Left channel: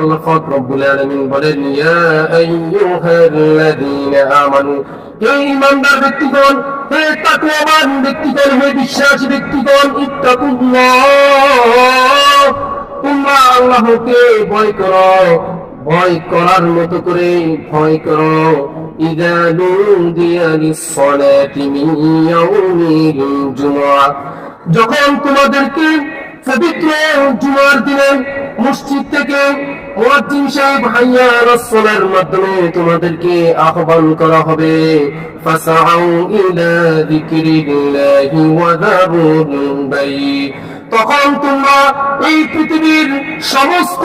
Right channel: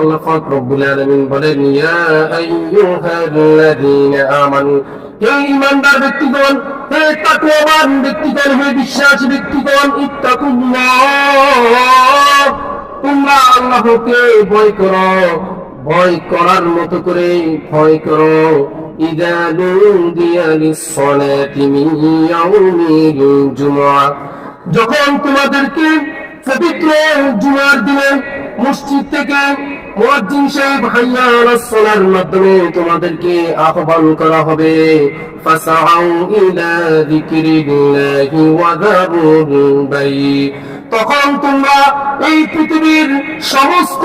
আল্লাহ পাক রব্বুল আলামিন বলেন, ইয়া আইয়ুহাল্লাযীনা আমানু, হে ঈমানদার ব্যক্তিগণ, হে তাকওয়াবান ব্যক্তিগণ, হে বিশ্বাসী ব্যক্তিগণ, ইত্তাকুল্লাহ, তোমরা আল্লাহকে ভয় করো, ভয় করার মতো করে ভয় করো। ইযা নুদিয়া লিস-সালাতি মিন ইয়াউমিল জুমআহ, যখন তোমাদেরকে পবিত্র জুমার দিনে মসজিদ থেকে মুয়াজ্জিন সাহেব হাইয়া আলাস সালার মাধ্যমে তোমাদেরকে আহ্বান করা হবে, ফাসাউ ইলা যিকরিল্লাহি ওয়া যারুল বাই, তখন তোমরা এই পৃথিবীর সমস্ত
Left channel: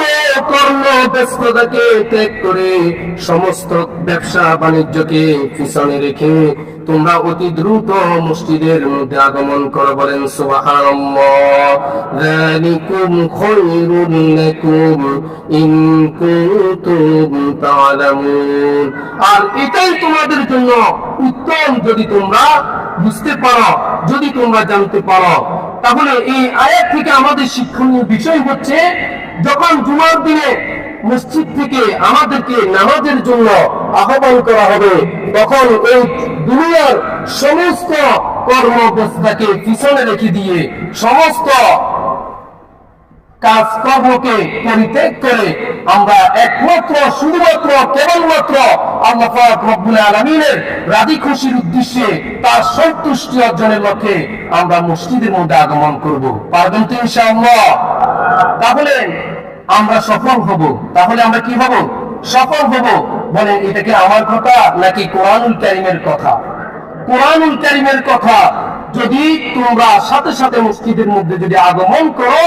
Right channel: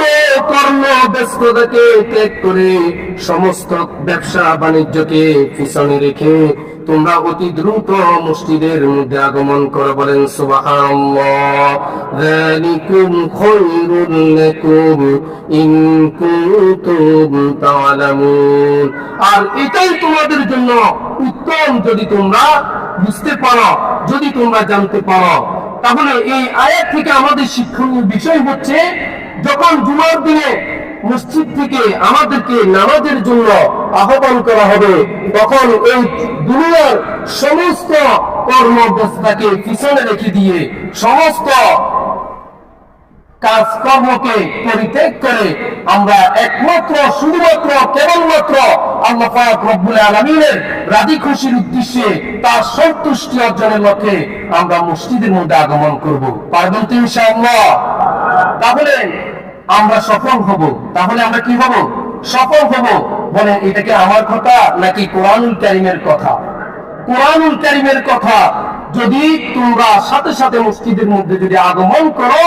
কর্ম ব্যস্ততাকে ত্যাগ করে, সমস্ত ব্যবসা বাণিজ্যকে পিছনে রেখে তোমরা অতি দ্রুত মসজিদের মধ্যে আগমন করো। বলেন সুবহানাল্লাহ। যালিকুম খায়রুল লাকুম ইন কুনতুম তা'লামুন, আর এটাই তোমাদের জন্য উত্তম যদি তোমরা বুঝতে পারো, যদি তোমরা জানতে পারো। তাহলে এই আয়াত থেকে আমাদের শিক্ষণীয় বিষয় হচ্ছে, যখন জুমার দিনে মসজিদ থেকে আমাদেরকে নামাজের জন্য আহ্বান করা হবে, তখন এই দুনিয়ার সমস্ত কর্মব্যস্ততাকে পিছনে রেখে দিয়ে, সমস্ত কাজকর্মকে পরিত্যাগ করে আমরা একমাত্র শুধুমাত্র কেবলমাত্র আল্লাহ পাক রব্বুল আলামিনের রাজি খুশির উদ্দেশ্যে, তার সন্তুষ্টি অর্জনের লক্ষ্যে আমরা মসজিদের মধ্যে আগমন করব। পারবেন তো ইনশাআল্লাহ? তাহলে আমরা সফল হব। তাহলে আমরা কি হব? সফল হব। বলেন, এটা কি আমার কথা নাকি কোরআনুল কারীমের কথা? কোরআনুল কারীমের কথা। যদি তোমরা সাথে সাথে মসজিদের মধ্যে যদি আগমন করো,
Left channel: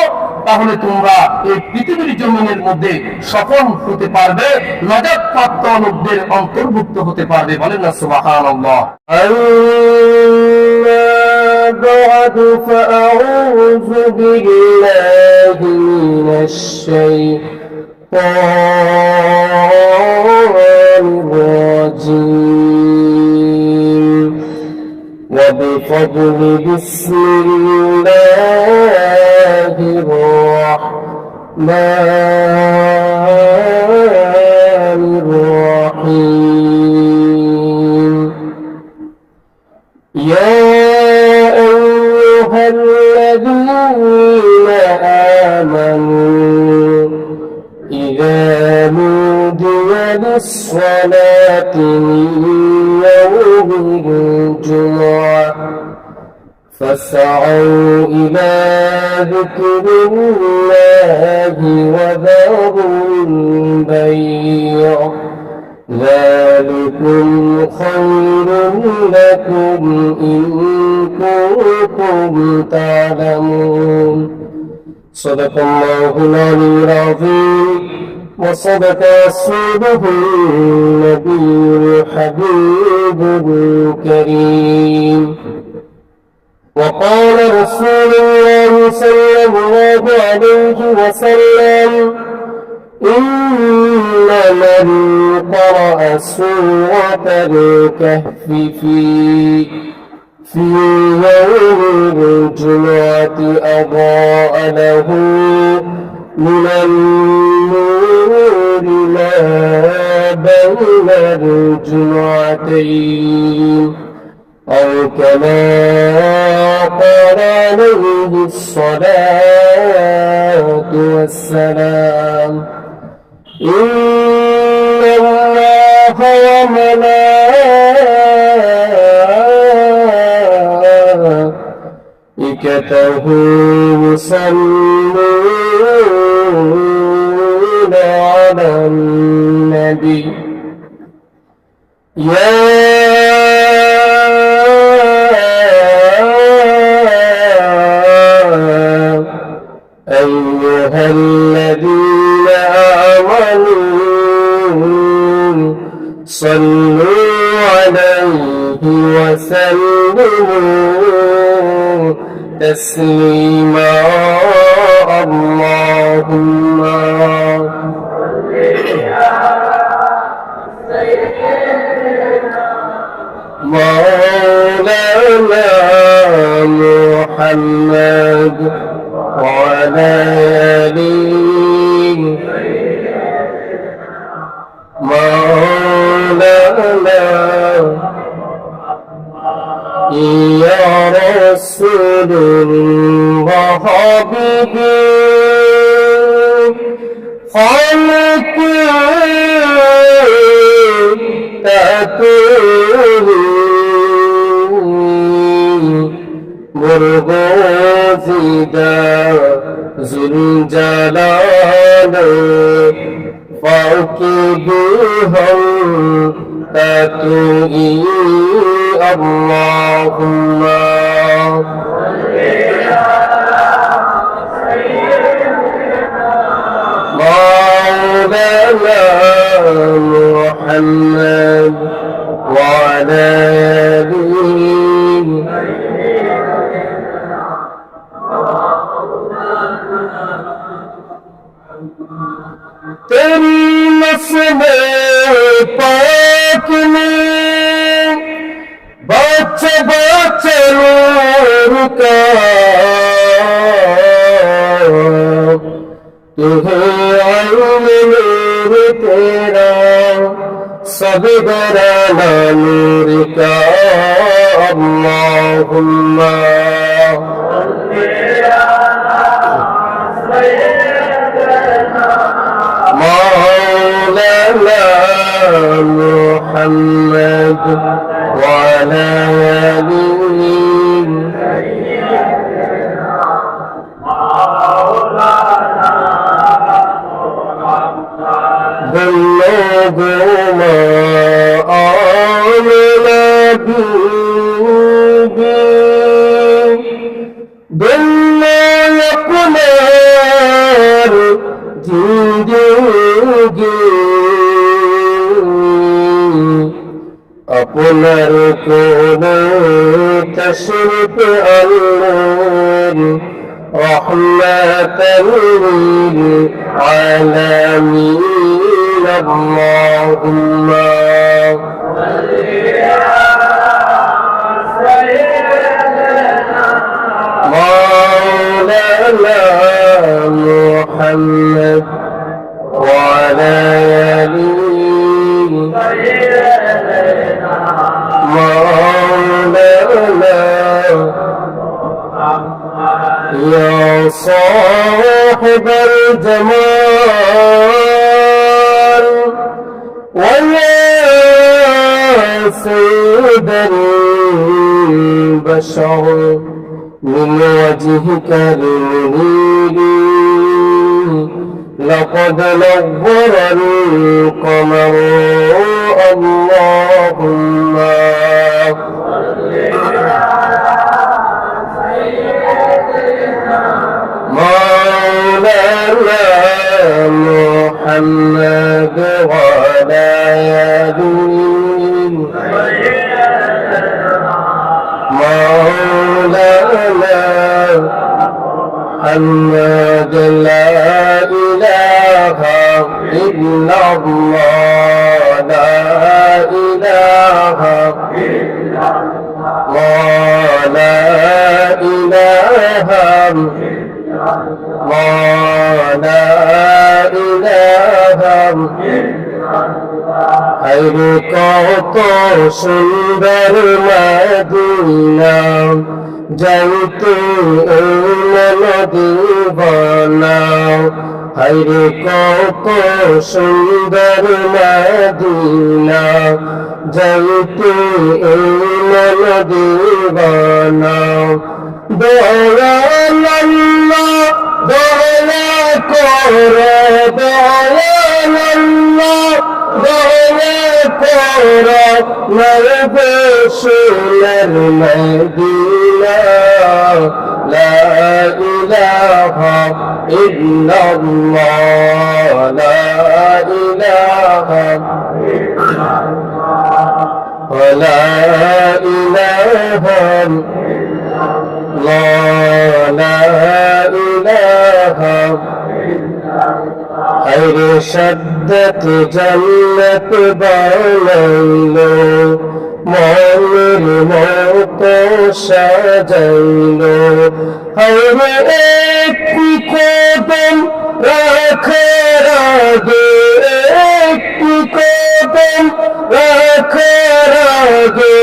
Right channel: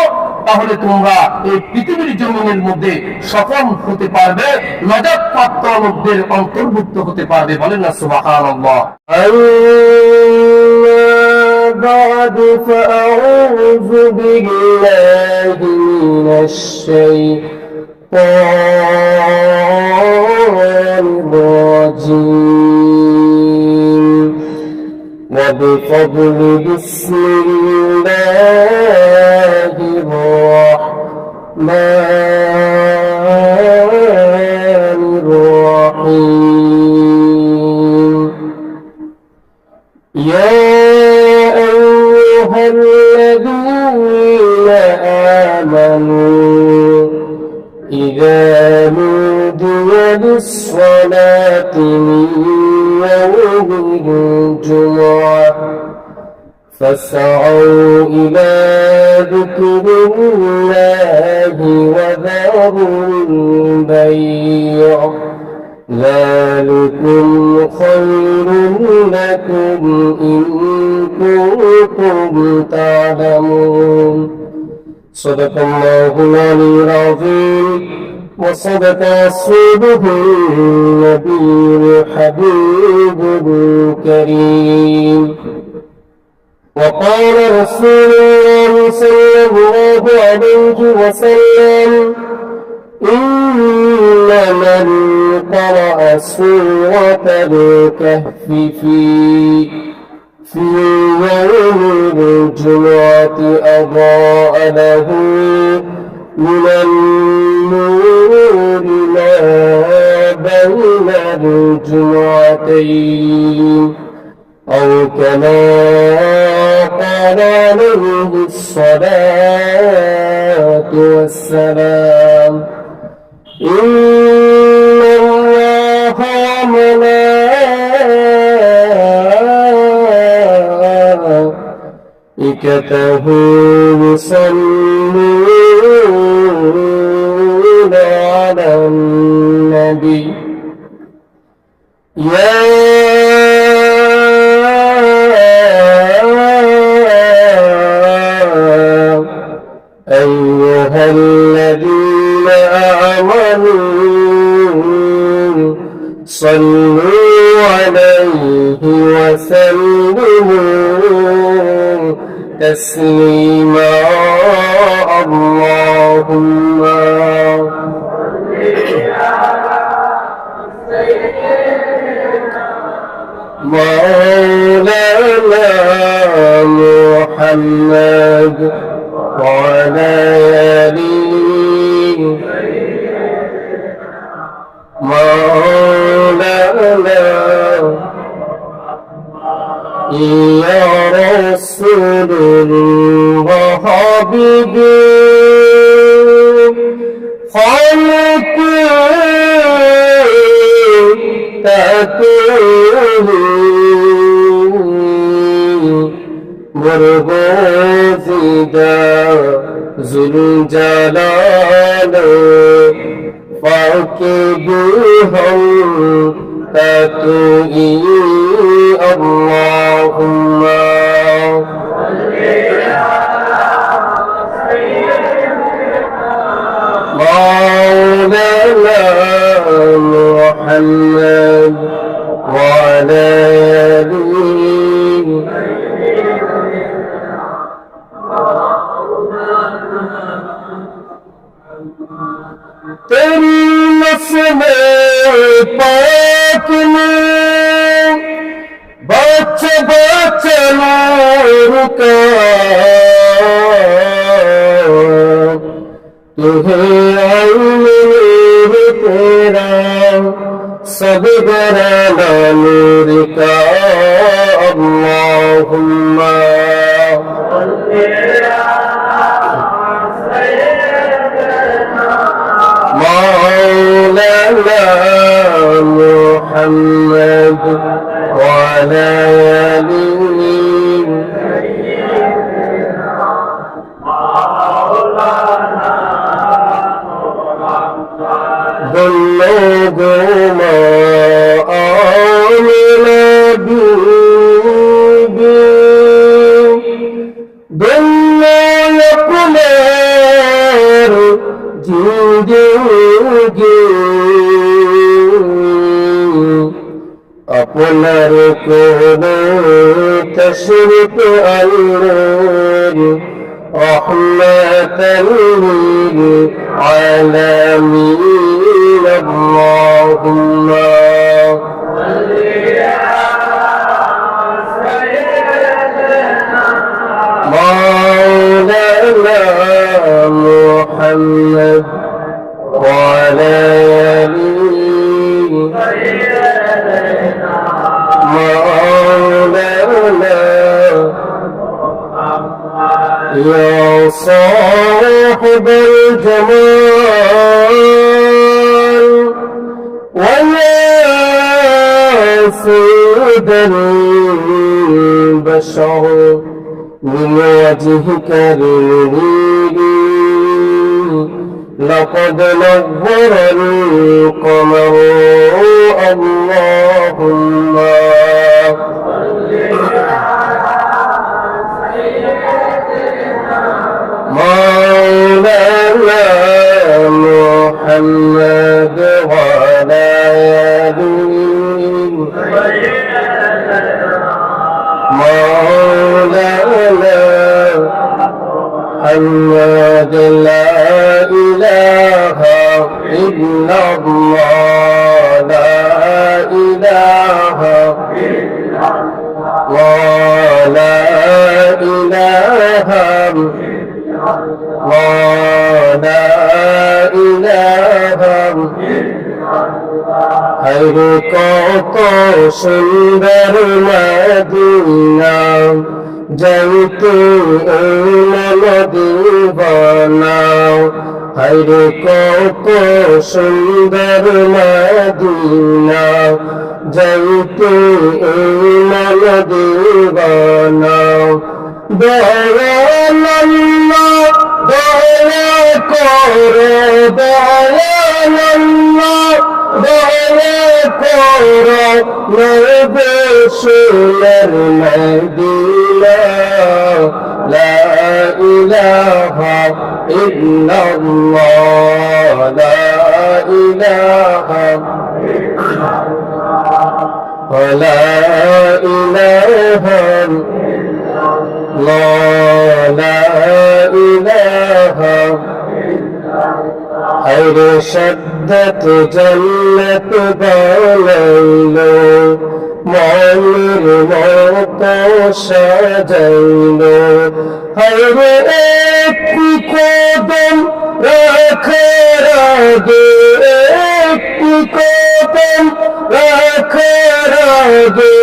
তাহলে তোমরা এই পৃথিবীর জমিনের মধ্যে সফল হতে পারবে, নাজাত প্রাপ্ত লোকদের অন্তর্ভুক্ত হতে পারবে। বলেন না সুবহানাল্লাহ। بعد فأعوذ بالله من الشيطان الرجيم وبفضل بسم الله الرحمن الرحيم يا أيها الذين آمنوا إذا نودي للصلاة من يوم الجمعة فاسعوا إلى ذكر الله وذروا البيع ذلكم خير لكم إن كنتم تعلمون صدق الله العلي العظيم وصدق رسوله النبي الحبيب الكريم وقال رسول الله صلى الله عليه وسلم إن من قرأ سورة الكهف في يوم الجمعة أضاء له من النور ما بين الجمعتين أو كما قال عليه الصلاة والسلام إن الله وملائكته يصلون على النبي يا أيها الذين آمنوا صلوا عليه وسلموا تسليما اللهم مولانا محمد وعلى آله مولانا يا رسول الله حبيبي خلقي مرغوزدا ذو الجلال فاكبهم تتوئي اللهم مولانا محمد وعلى آله तेरी नस्ल पाक में बच बच नूर का तुझे आईन नूर तेरा सब घराना नूर का अल्लाहुम्मा مولانا محمد وعلى آله بلغوا ما آمنا به بلغوا يقمر জিন্দেগি আপনার কোনে তশরিফ আনলেন রহমাতাল লিল আলামিন আল্লাহুম্মা مولانا محمد وعلى آله مولانا يا صاحب الجمال ويا سيد البشر من وجهك المنير لقد نور القمر اللهم مولانا محمد وعلى آله مولانا محمد لا إله إلا الله لا إله إلا الله لا إله إلا الله لا إله হায় কত সুন্দর মদিনা যাইতে নদী বানাও হায় কত সুন্দর মদিনা যাইতে নদী বানাও দয়াল আল্লাহ দয়া কর দয়াল আল্লাহ দয়া কর নবে সোনার মদিনা লা ইলাহা ইল্লাল্লাহ লা ইলাহা ইল্লাল্লাহ লা ইলাহা লা ইলাহা হায়রে শদ্দত জান্নাত বানাইলো মনের মতো সাজাইলো হায়রে একটি কদম রাখার আগে একটি কদম রাখার আগে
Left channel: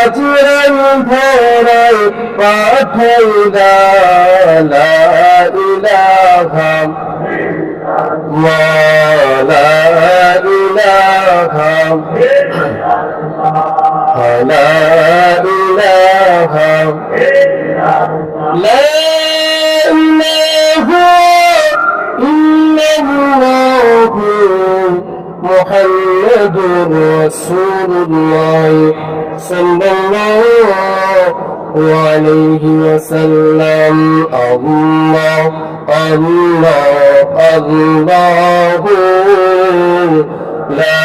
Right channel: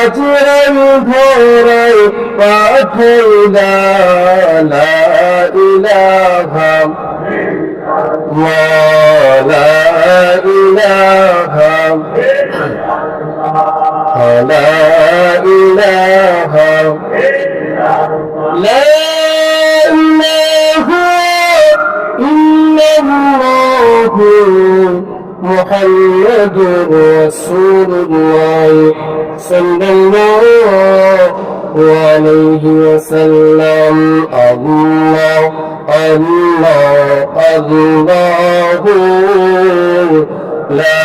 আজরাইল ধরায় পাঠাইলা লা ইলাহা লা ইলাহা লা ইলাহা লা ইলাহা ইল্লাল্লাহু মুহাম্মাদুর রাসূলুল্লাহ সাল্লাল্লাহু আলাইহি ওয়াসাল্লাম আল্লাহ আল্লাহ আল্লাহু লা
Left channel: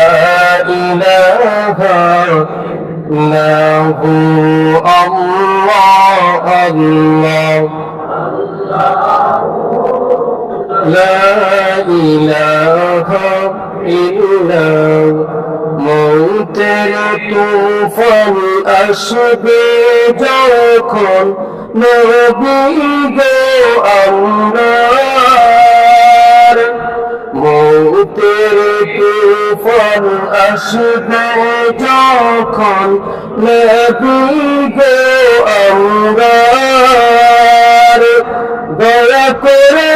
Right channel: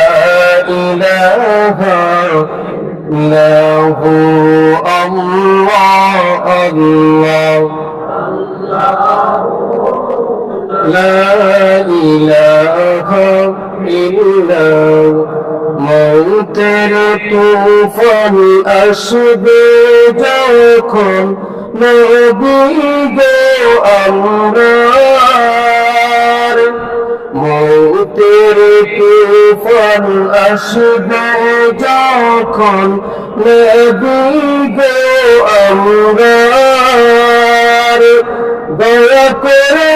ইলাহা ইল্লাহু আল্লাহ আল্লাহ লা ইলাহা ইল্লাল্লাহ মৌতের তুফান আসবে যখন নবী গো আমরার মৌতের তুফান আসবে যখন নবী গো আমরার দয়া করে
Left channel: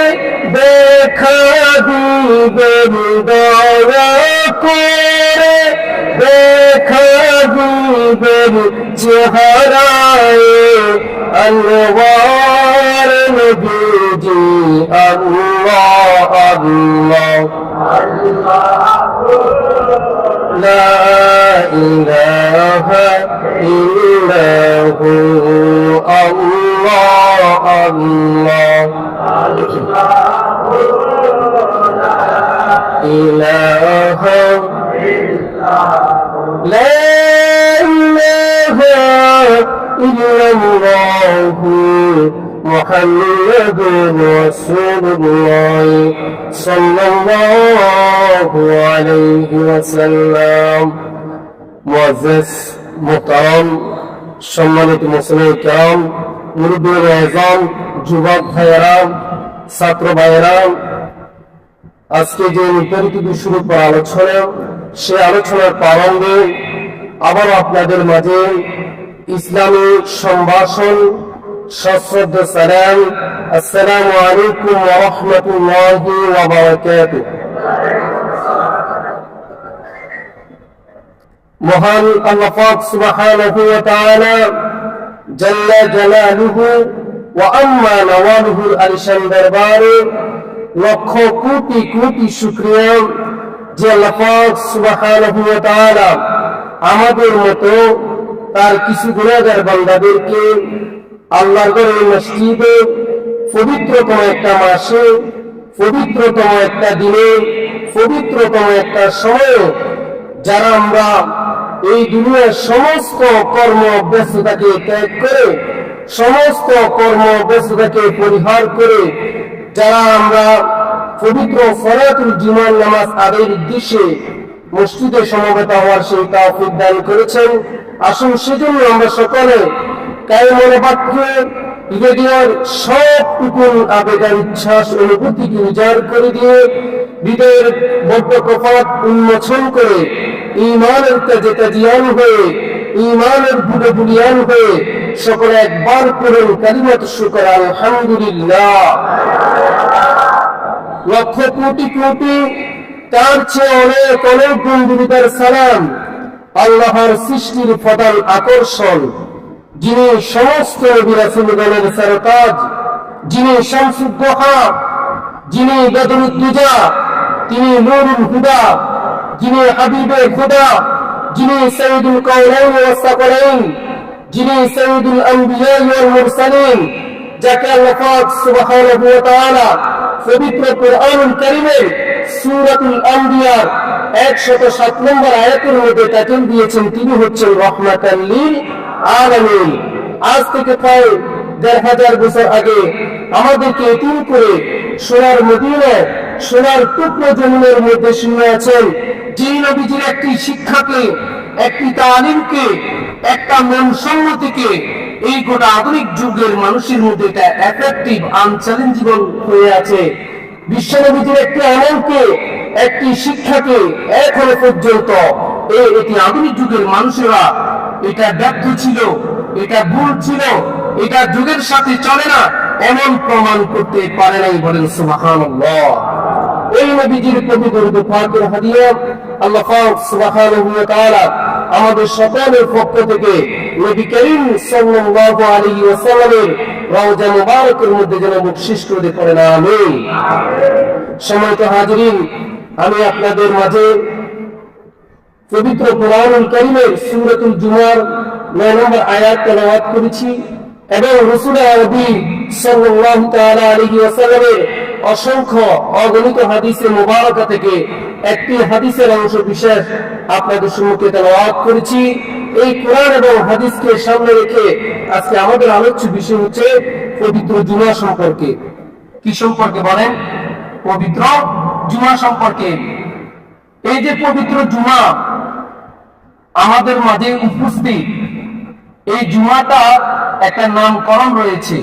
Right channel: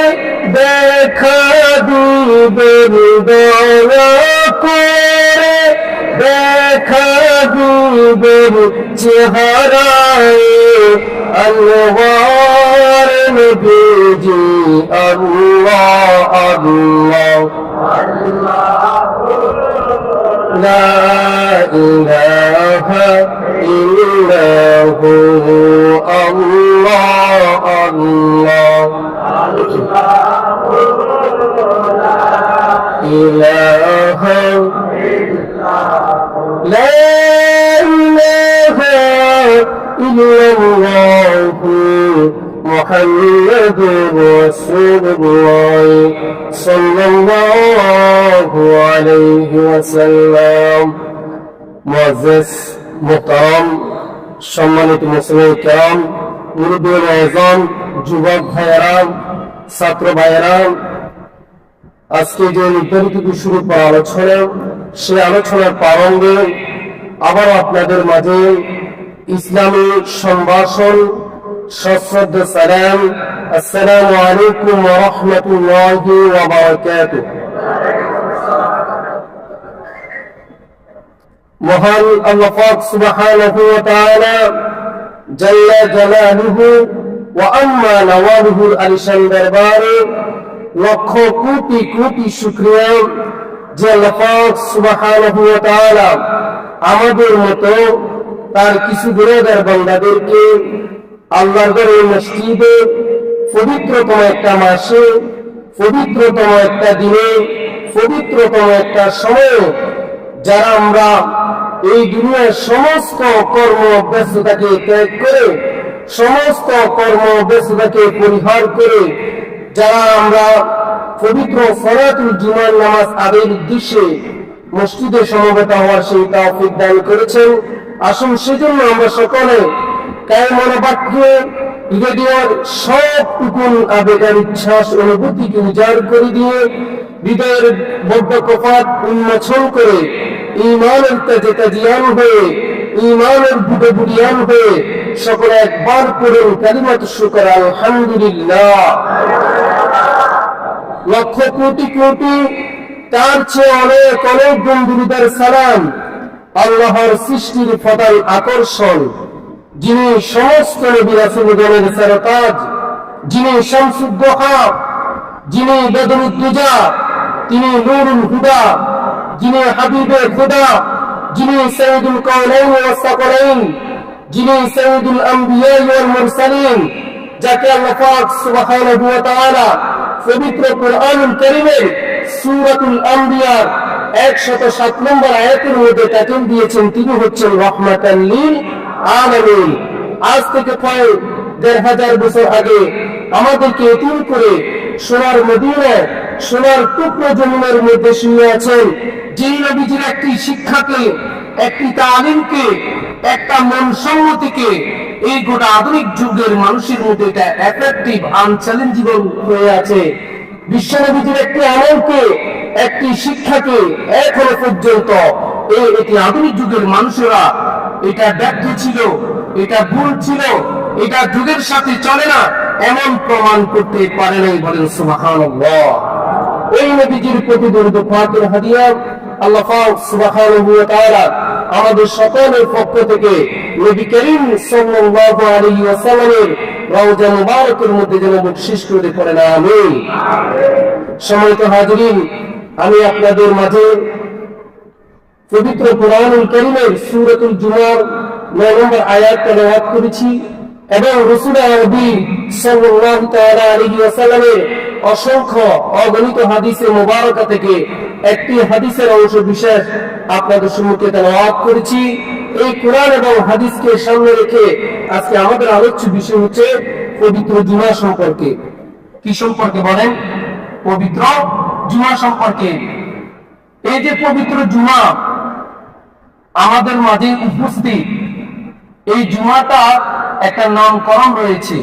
দেখা দিবেন দয়া করে দেখা দিবেন চেহারায় আনওয়ার নবীজি আল্লাহ আল্লাহ লা ইলাহা ইল্লাহু আল্লাহ আল্লাহ ইলাহা লা ইলাহা ইল্লাল্লাহু মুহাম্মাদুর রাসূলুল্লাহ সাল্লাল্লাহু আলাইহি ওয়াসাল্লাম। মুআজ্জাজ মুহতারাম সম্মানিত মুসলিম কিরাম, মুরব্বিয়ান আযম, যুবক ভাইয়েরাম, ছাত্র ভাইয়েরাম, আজকে যে নির্ধারিত বিষয়ের উপর আলোচনা, সে আলোচনার প্রারম্ভে আবারও আপনাদের মাঝে ইসলামী সম্ভাষণ সশ্রদ্ধ সালাম, আসসালামু আলাইকুম ওয়া রাহমাতুল্লাহি ওয়া বারাকাতুহু। মহান আল্লাহ পাক সুবহানাহু ওয়া তাআলা জাল্লা জালালুহু ওয়া আম্মা নওয়ালুহুর আলিশান দরবারে লক্ষ কোটি কোটি শুকরিয়া যে আল্লাহ পাক সুবহানাহু ওয়া তাআলা আমাদের মতো তার কিছু গুনাহগার বান্দাদেরকে আল্লাহর ঘরে মসজিদে পবিত্রতম একটা মাসে, পবিত্রতম একটা দিনে, পবিত্রতম একটা সময়ে, যারা আমরা এই দুনিয়ার সমস্ত কর্ম ব্যস্ততাকে ত্যাগ করে, সমস্ত কর্ম ব্যস্ততাকে পরিহার করে যারা আমরা পবিত্র ফরাতুল জুমার নামাজ আদায়ের উদ্দেশ্যে মসজিদে সমবেত হওয়ার সেই তৌফিক দান করেছেন। আসুন সেজন্য আমরা সকলে কায় মনোবাক্যে হৃদয়ের সবটুকুন আবেগার ইচ্ছাস অনুভূতিকে উজাড় করে দিয়ে হৃদয়ের বদ্ধ কপাট উন্মোচন করে ঈমানের তেজে তাজিয়ান হয়ে, ঈমানের বুড়ে বুড়িয়ান হয়ে সকলে একবার পড়ুন কালিমাত শুকর আলহামদুলিল্লাহ। লক্ষ কোটি কোটি তার চেয়ে অনেক অনেক গুণ দুরুদের সালাম আল্লাহর সৃষ্টির প্রধান আকর্ষণ, যিনি সমস্ত নবী রাসূলগণের সরতাজ, যিনি শামসুদ্দোহা, যিনি বদরুদ্দুজা, তিনি নূরুল হুদা, যিনি হাবিবে খুদা, যিনি সৈয়দুল কাওনাইন ওয়াস সাকলাইন, যিনি সৈয়দুল আম্বিয়া ওয়াল মুরসালিন, যাকে আল্লাহ পাক সুবহানাহু ওয়া তাআলা পবিত্র কুরআনুল কারীমের সূরাতুল আম্বিয়ার 107 নম্বর আয়াতের মধ্যে টাইটেল দিয়েছেন, তিনি হচ্ছেন রাহমাতাল লিল আলামিন। আজ থেকে প্রায় ১৫০০ বছর আগে আমাদেরকে এতিম করে সোনার মদিনায়, সোনার টুকরো জমিনের মধ্যে শুয়ে আছেন, যিনি নবীজির একটি শিক্ষাকে, একটি তালিমকে, একটা মন সম্মতিকে এই গোটা আধুনিক যুগের মানুষের মধ্যে এটা অ্যাট্রাকটিভ আনচ্যালেঞ্জেবল হয়ে আছে। বিশ্ব নবীজির একটি আমলকে একটি শিক্ষাকে এখনো পর্যন্ত এটি আধুনিক যুগের মানুষেরা এটা ব্যর্থ ছিল, এটা ভুল ছিল, এটা যুগের সাথে চলে না, এমন প্রমাণ করতে পারে নাই। বলেন সুবহানাল্লাহ। ওই নবীজির প্রতি দরুদ পাকের হাদিয়া আল্লাহ পাক সুবহানাহু ওয়া তাআলা আমাদের সকলের পক্ষ থেকে নবী করিম সাল্লাল্লাহু আলাইহি ওয়াসাল্লামের রওজা মুবারকের মধ্যে যেন বকশিশ করে পড়েন, আমিন। সম্মানিত হাজিরিন, আমি আপনাদের মাঝে পবিত্র কুরআনুল কারীমের সূরাতুল জুমার 9 নম্বর আয়াত তেলাওয়াত করেছি এবং রাসূল আরবি সাল্লাল্লাহু তাআলা আলাইহি ওয়াসাল্লামের অসংখ্য অগণিত হাদিসে মুবারকা থেকে একটি হাদিসের অংশ বিশেষ আপনাদের সম্মুখে তেলাওয়াত করেছি। এই কোরআন এবং হাদিসকে সামনে রেখে আজকে আমাদের আলোচ্য বিষয় হচ্ছে পবিত্র জুমা সম্পর্কে। কি সম্পর্কে বলেন? পবিত্র জুমা সম্পর্কে। এই যে পবিত্র জুমা আমাদের মাঝে উপস্থিত, এই জুমাটা একটা নামকরণ রয়েছে।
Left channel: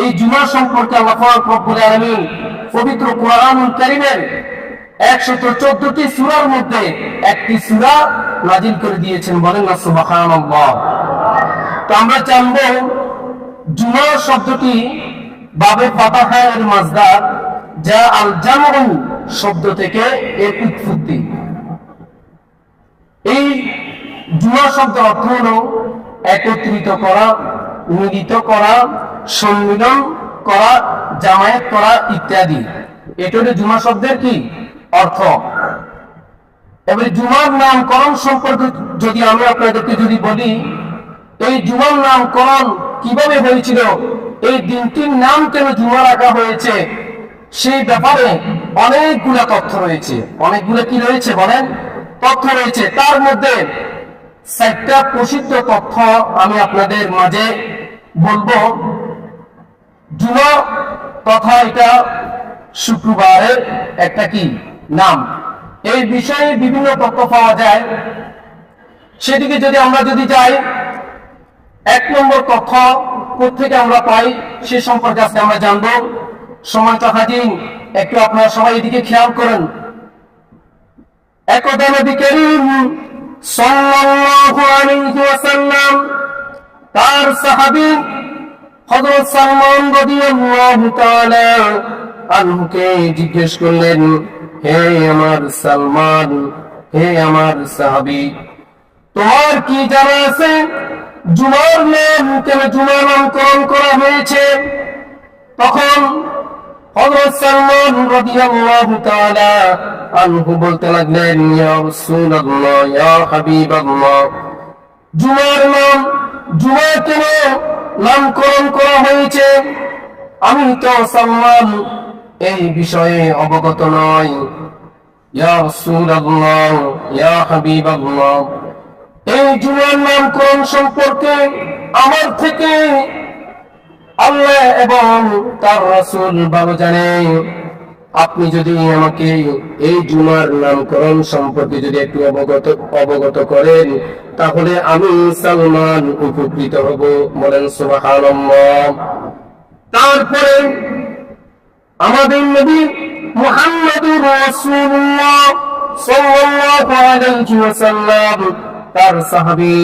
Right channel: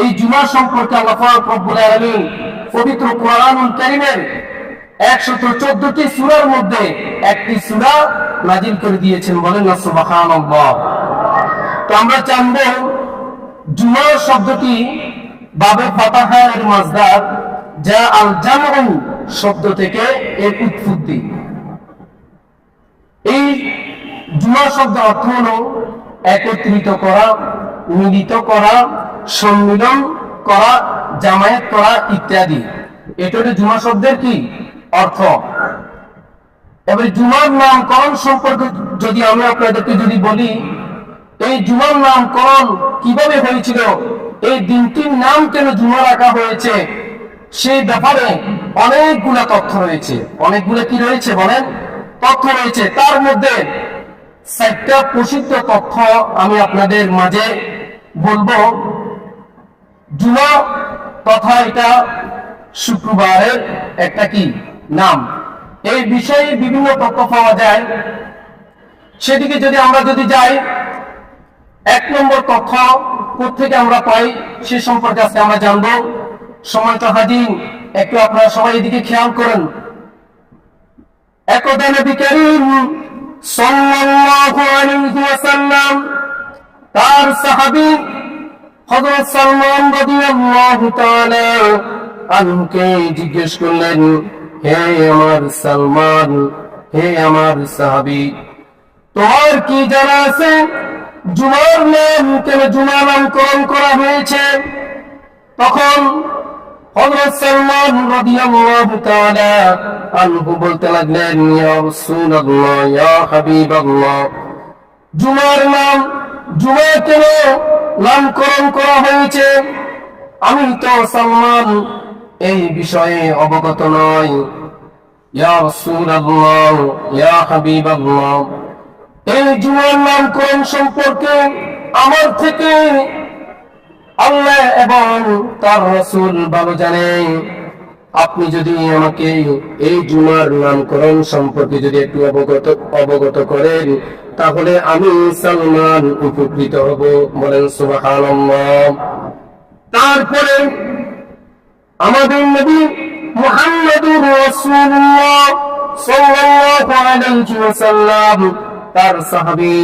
এই জুমা সম্পর্কে আল্লাহ পাক রব্বুল আলামিন পবিত্র কুরআনুল কারীমের 114টি সূরার মধ্যে একটি সূরা নাজিল করে দিয়েছেন। বলেন না সুবহানাল্লাহ। তো আমরা জানব জুমা শব্দটি বাবে ফাতাহা এর মাজদার, যা আল জামউ শব্দ থেকে এর উৎপত্তি। এই জুমা শব্দের অর্থ হলো একত্রিত করা, মিলিত করা, সম্মিলন করা, জামায়াত করা ইত্যাদি। এটা হলো জুমা শব্দের কি অর্থ। এবারে জুমার নামকরণ সম্পর্কে যদি আমি আপনাদেরকে যদি বলি, এই জুমার নামকরণ কিভাবে হয়েছিল, এই দিনটির নাম কেন জুমা রাখা হয়েছে, সেই ব্যাপারে অনেকগুলা তথ্য রয়েছে। অনেকগুলা কি রয়েছে বলেন? তথ্য রয়েছে। তার মধ্যে 4টা প্রসিদ্ধ তথ্য আমি আপনাদের মাঝে বলবো। জুমা তথা এটা শুক্রবারের একটা কি নাম, এই বিষয়ে বিভিন্ন তথ্য পাওয়া যায়। সেদিকে যদি আমরা যাই, 1 নম্বর তথ্য কোত্থেকে আমরা পাই সে সম্পর্কে আজকে আমরা জানবো। সম্মানিত হাজির, একটু আপনারা সবাই এদিকে খেয়াল করেন। একদা নবী করিম সাল্লাল্লাহু আলাইহি ওয়াসাল্লাম তার সাহাবী হযরত সালমান রাদিয়াল্লাহু তাআলা আনহুকে জিজ্ঞেস করলেন, হে আমার সালমান, হে আমার সাহাবী, তোমার কি জানা আছে জুমার নাম কেন জুমা নামকরণ করা হয়েছে? তখন হযরত সালমান রাদিয়াল্লাহু তাআলা আনহু বলতে লাগলেন, ইয়া রাসূলুল্লাহ, ইয়া হাবিবাল্লাহ, জুমার নাম জুমা কেন নামকরণ করা হয়েছে আমি তো সালমান এই বিষয়ে অবগত নই। ইয়া রাসূলুল্লাহ, ইয়া হাবিবাল্লাহ, এই জুমার নামকরণ সম্পর্কে আমার থেকে আল্লাহ এবং তার রাসূল ভালো জানেন। আপনি যদি আমাকে এই জুমার নামকরণ সম্পর্কে যদি একটু অবগত করেন, তাহলে আমি সালমান উপকৃত হব। বলেন সুবহানাল্লাহ। তারপরে আমাদের নবী মুহাম্মদুর রাসূলুল্লাহ সাল্লাল্লাহু আলাইহি ওয়াসাল্লাম তার সাহাবী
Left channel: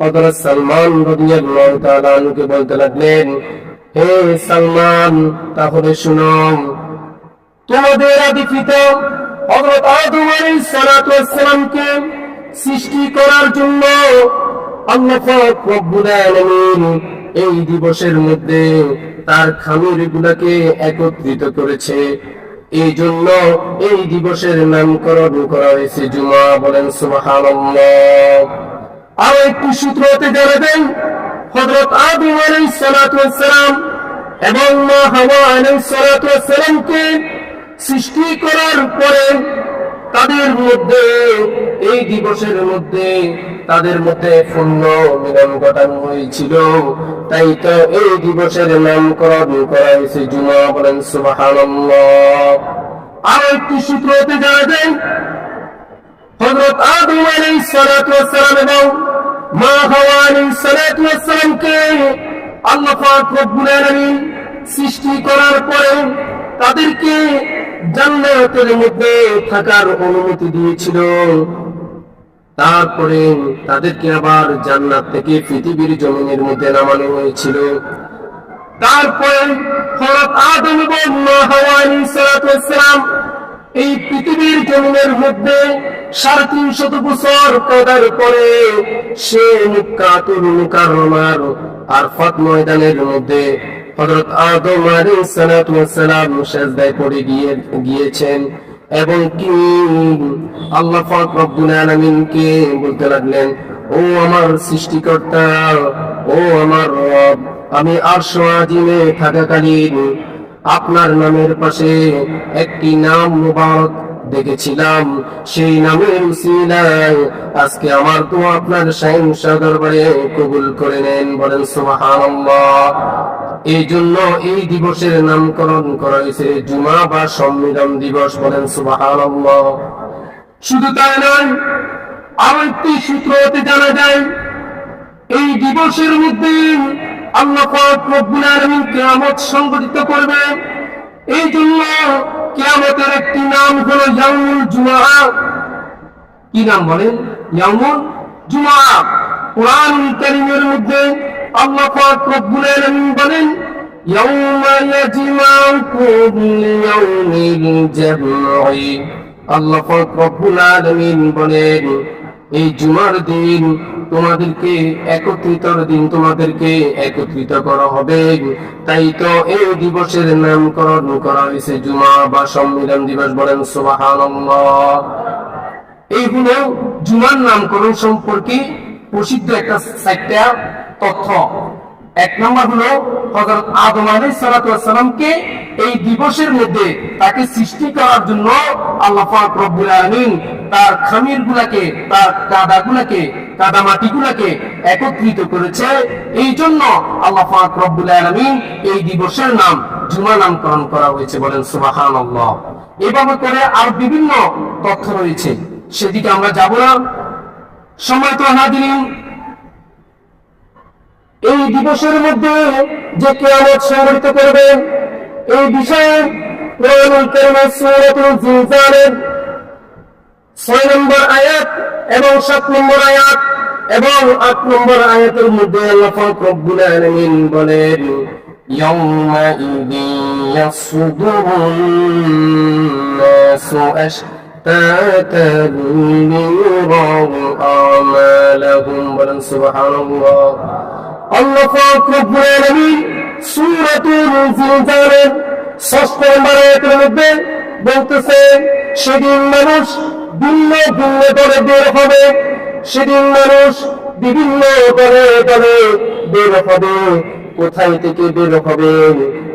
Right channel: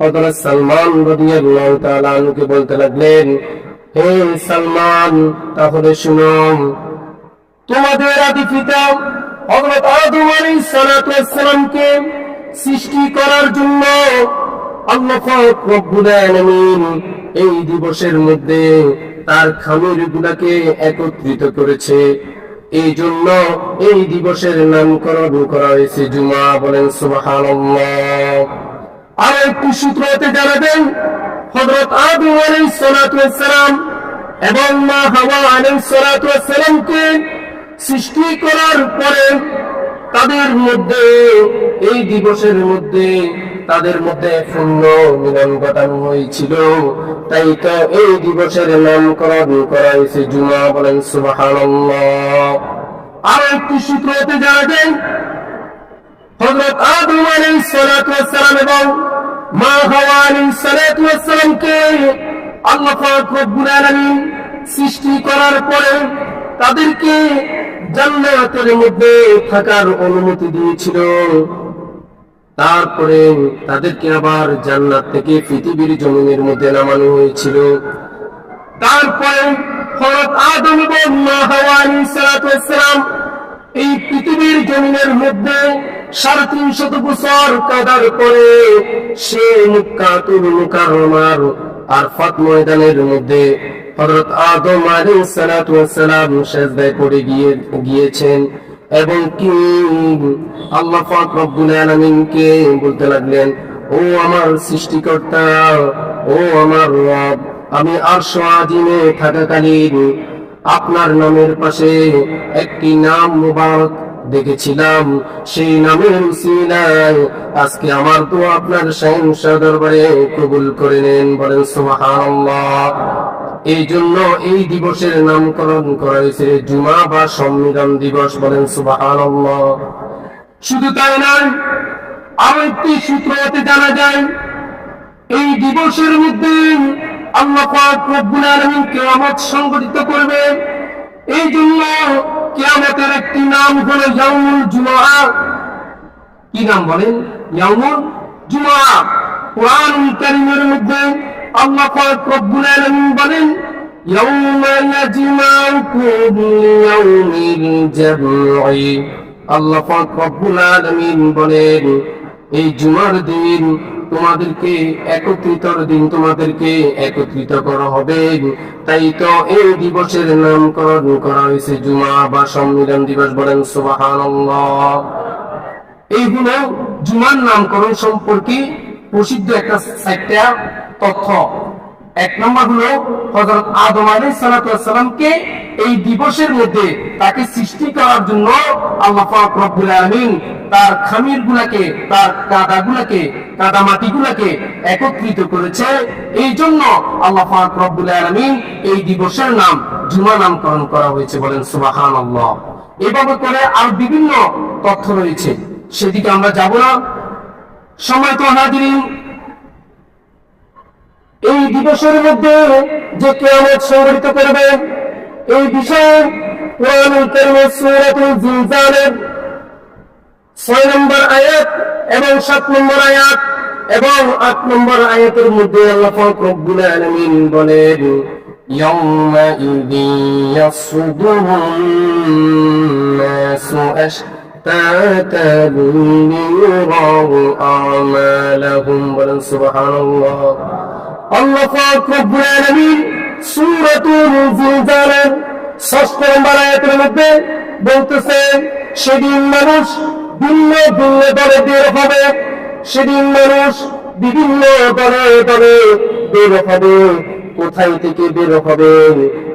হযরত সালমান রাদিয়াল্লাহু তাআলা আনহুকে বলতে লাগলেন, হে সালমান, তাহলে শুনো, তোমাদের আদি পিতা হযরত আদম আলাইহিস সালাতু ওয়াস সালামকে সৃষ্টি করার জন্য আল্লাহ পাক রব্বুল আলামিন এই দিবসের মধ্যে তার খামিরগুলোকে একত্রিত করেছে। এই জন্য এই দিবসের নামকরণ করা হয়েছে জুমা। বলেন সুবহানাল্লাহ। আর একটি সূত্র হতে জানাবেন, হযরত আদম আলাইহিস সালাতু ওয়াস সালাম এবং মা হাওয়া আলাইহিস সালাতু ওয়াস সালামকে সৃষ্টি করার পরে তাদের মধ্যে এই দিবসের মধ্যে তাদের মধ্যে পূর্ণ মিলন ঘটানো হয়েছিল। তাই তো এই দিবসের নামকরণ করা হয়েছে জুমা। বলেন সুবহানাল্লাহ। আর একটি সূত্র হতে জানা যায়, হযরত আদম আলাইহিস সালাতু ওয়াস সালাম এবং মা হাওয়া আলাইহিস সালাতু ওয়াস সালামকে আল্লাহ পাক রব্বুল আলামিন সৃষ্টি করার পরে তাদেরকে জান্নাতের মধ্যে থাকার অনুমতি দিয়েছিল। তারপরে তাদেরকে আবার জান্নাত থেকে পৃথিবীর জমিনের মধ্যে নামানো হয়েছিল। তারপরে হযরত আদম এবং মা হাওয়া আলাইহিস সালাতু ওয়াস সালাম এই পৃথিবীর জমিনের মধ্যে 350 বছর কাটার পরে সে মক্কাতুল মুকাররমার আরফাত ময়দানের মধ্যে হযরত আদম আলাইহিস সালাতু ওয়াস সালাম সিজদায় পড়ে গিয়েছেন এবং কি আল্লাহ পাক রব্বুল আলামিনকে বলতে লাগলেন, ও আমার সৃষ্টিকর্তা, ও আমার রব, আমি আরশ আজিমে থাকাকালীন আপনার নামের পাশে একটি নাম মুবারক দেখেছিলাম, সেই নামের উসিলায় আজকে আমার দোয়া আপনার শাহেনশাহ দরবারে কবুল করে নেন। বলেন সুবহানাল্লাহ। এই জন্য এই দিবসের নামকরণ করা হয়েছে জুমা বা সম্মিলন দিবস। বলেন সুবহানাল্লাহ। শুধু তাই নয়, আরো একটি সূত্র হতে জানা যায় এই দিবসের মধ্যে আল্লাহ পাক রব্বুল আলামিন কিয়ামত সংঘটিত করবে। এই জন্য কিয়ামতের একটি নাম হলো ইয়াউমুল জুমআ। কি নাম বলেন? ইয়াউমুল জুমআ। কুরআনুল কারীমের মধ্যে আল্লাহ পাক রব্বুল আলামিন বলেন, ইয়াউমা ইয়াজমাউকুম লিয়াউমিল জামঈ। আল্লাহ পাক রব্বুল আলামিন বলেন, এই জুমার দিন তোমাদেরকে একত্রিতর দিন, তোমাদেরকে একত্রিত করা হবে। তাই তো এই দিবসের নামকরণ করা হয়েছে জুমা বা সম্মিলন দিবস। বলেন সুবহানাল্লাহ। এই হলো জুমার নামকরণ সম্পর্কে প্রসিদ্ধ একটা 4টা তথ্য। এক নম্বর হলো হযরত আদম আলাইহিস সালাতু ওয়াস সালামকে এই দিবসের মধ্যে তাকে সৃষ্টি করার জন্য আল্লাহ পাক রব্বুল আলামিন তার খামিরগুলোকে, তার কাদা মাটিগুলোকে একত্রিত করেছে। এই জন্য আল্লাহ পাক রব্বুল আলামিন এই দিবসের নাম জুমা নামকরণ করা হয়েছে। বলেন সুবহানাল্লাহ। এভাবে করে আর বিভিন্ন তথ্য রয়েছে, সেদিকে আমরা যাব না। সম্মানিত হাজিরিন, এই দিবসের মধ্যে যে কিয়ামত সংঘটিত করবে এই বিষয়ে কুরআনুল কারীমের সূরাতুল জিলজালের 6 নম্বর আয়াত এবং 7 নম্বর আয়াত এবং 8 নম্বর আয়াতের মধ্যে আল্লাহ পাক রব্বুল আলামিন বলেন, ইয়াউমা ইযিন ইয়াসদুরুন নাসু আশতাতান লিয়ারাউ আমালাহুম। বলেন সুবহানাল্লাহ। আল্লাহ পাক রব্বুল আলামিন সূরাতুল জিলজালের 6 নম্বর আয়াতের মধ্যে বলতেছেন, সেদিন মানুষ ভিন্ন ভিন্ন দলে বের হবে। সেদিন মানুষ বিভিন্ন দলে দলে বের হবে। কোথায় থেকে বের হবে?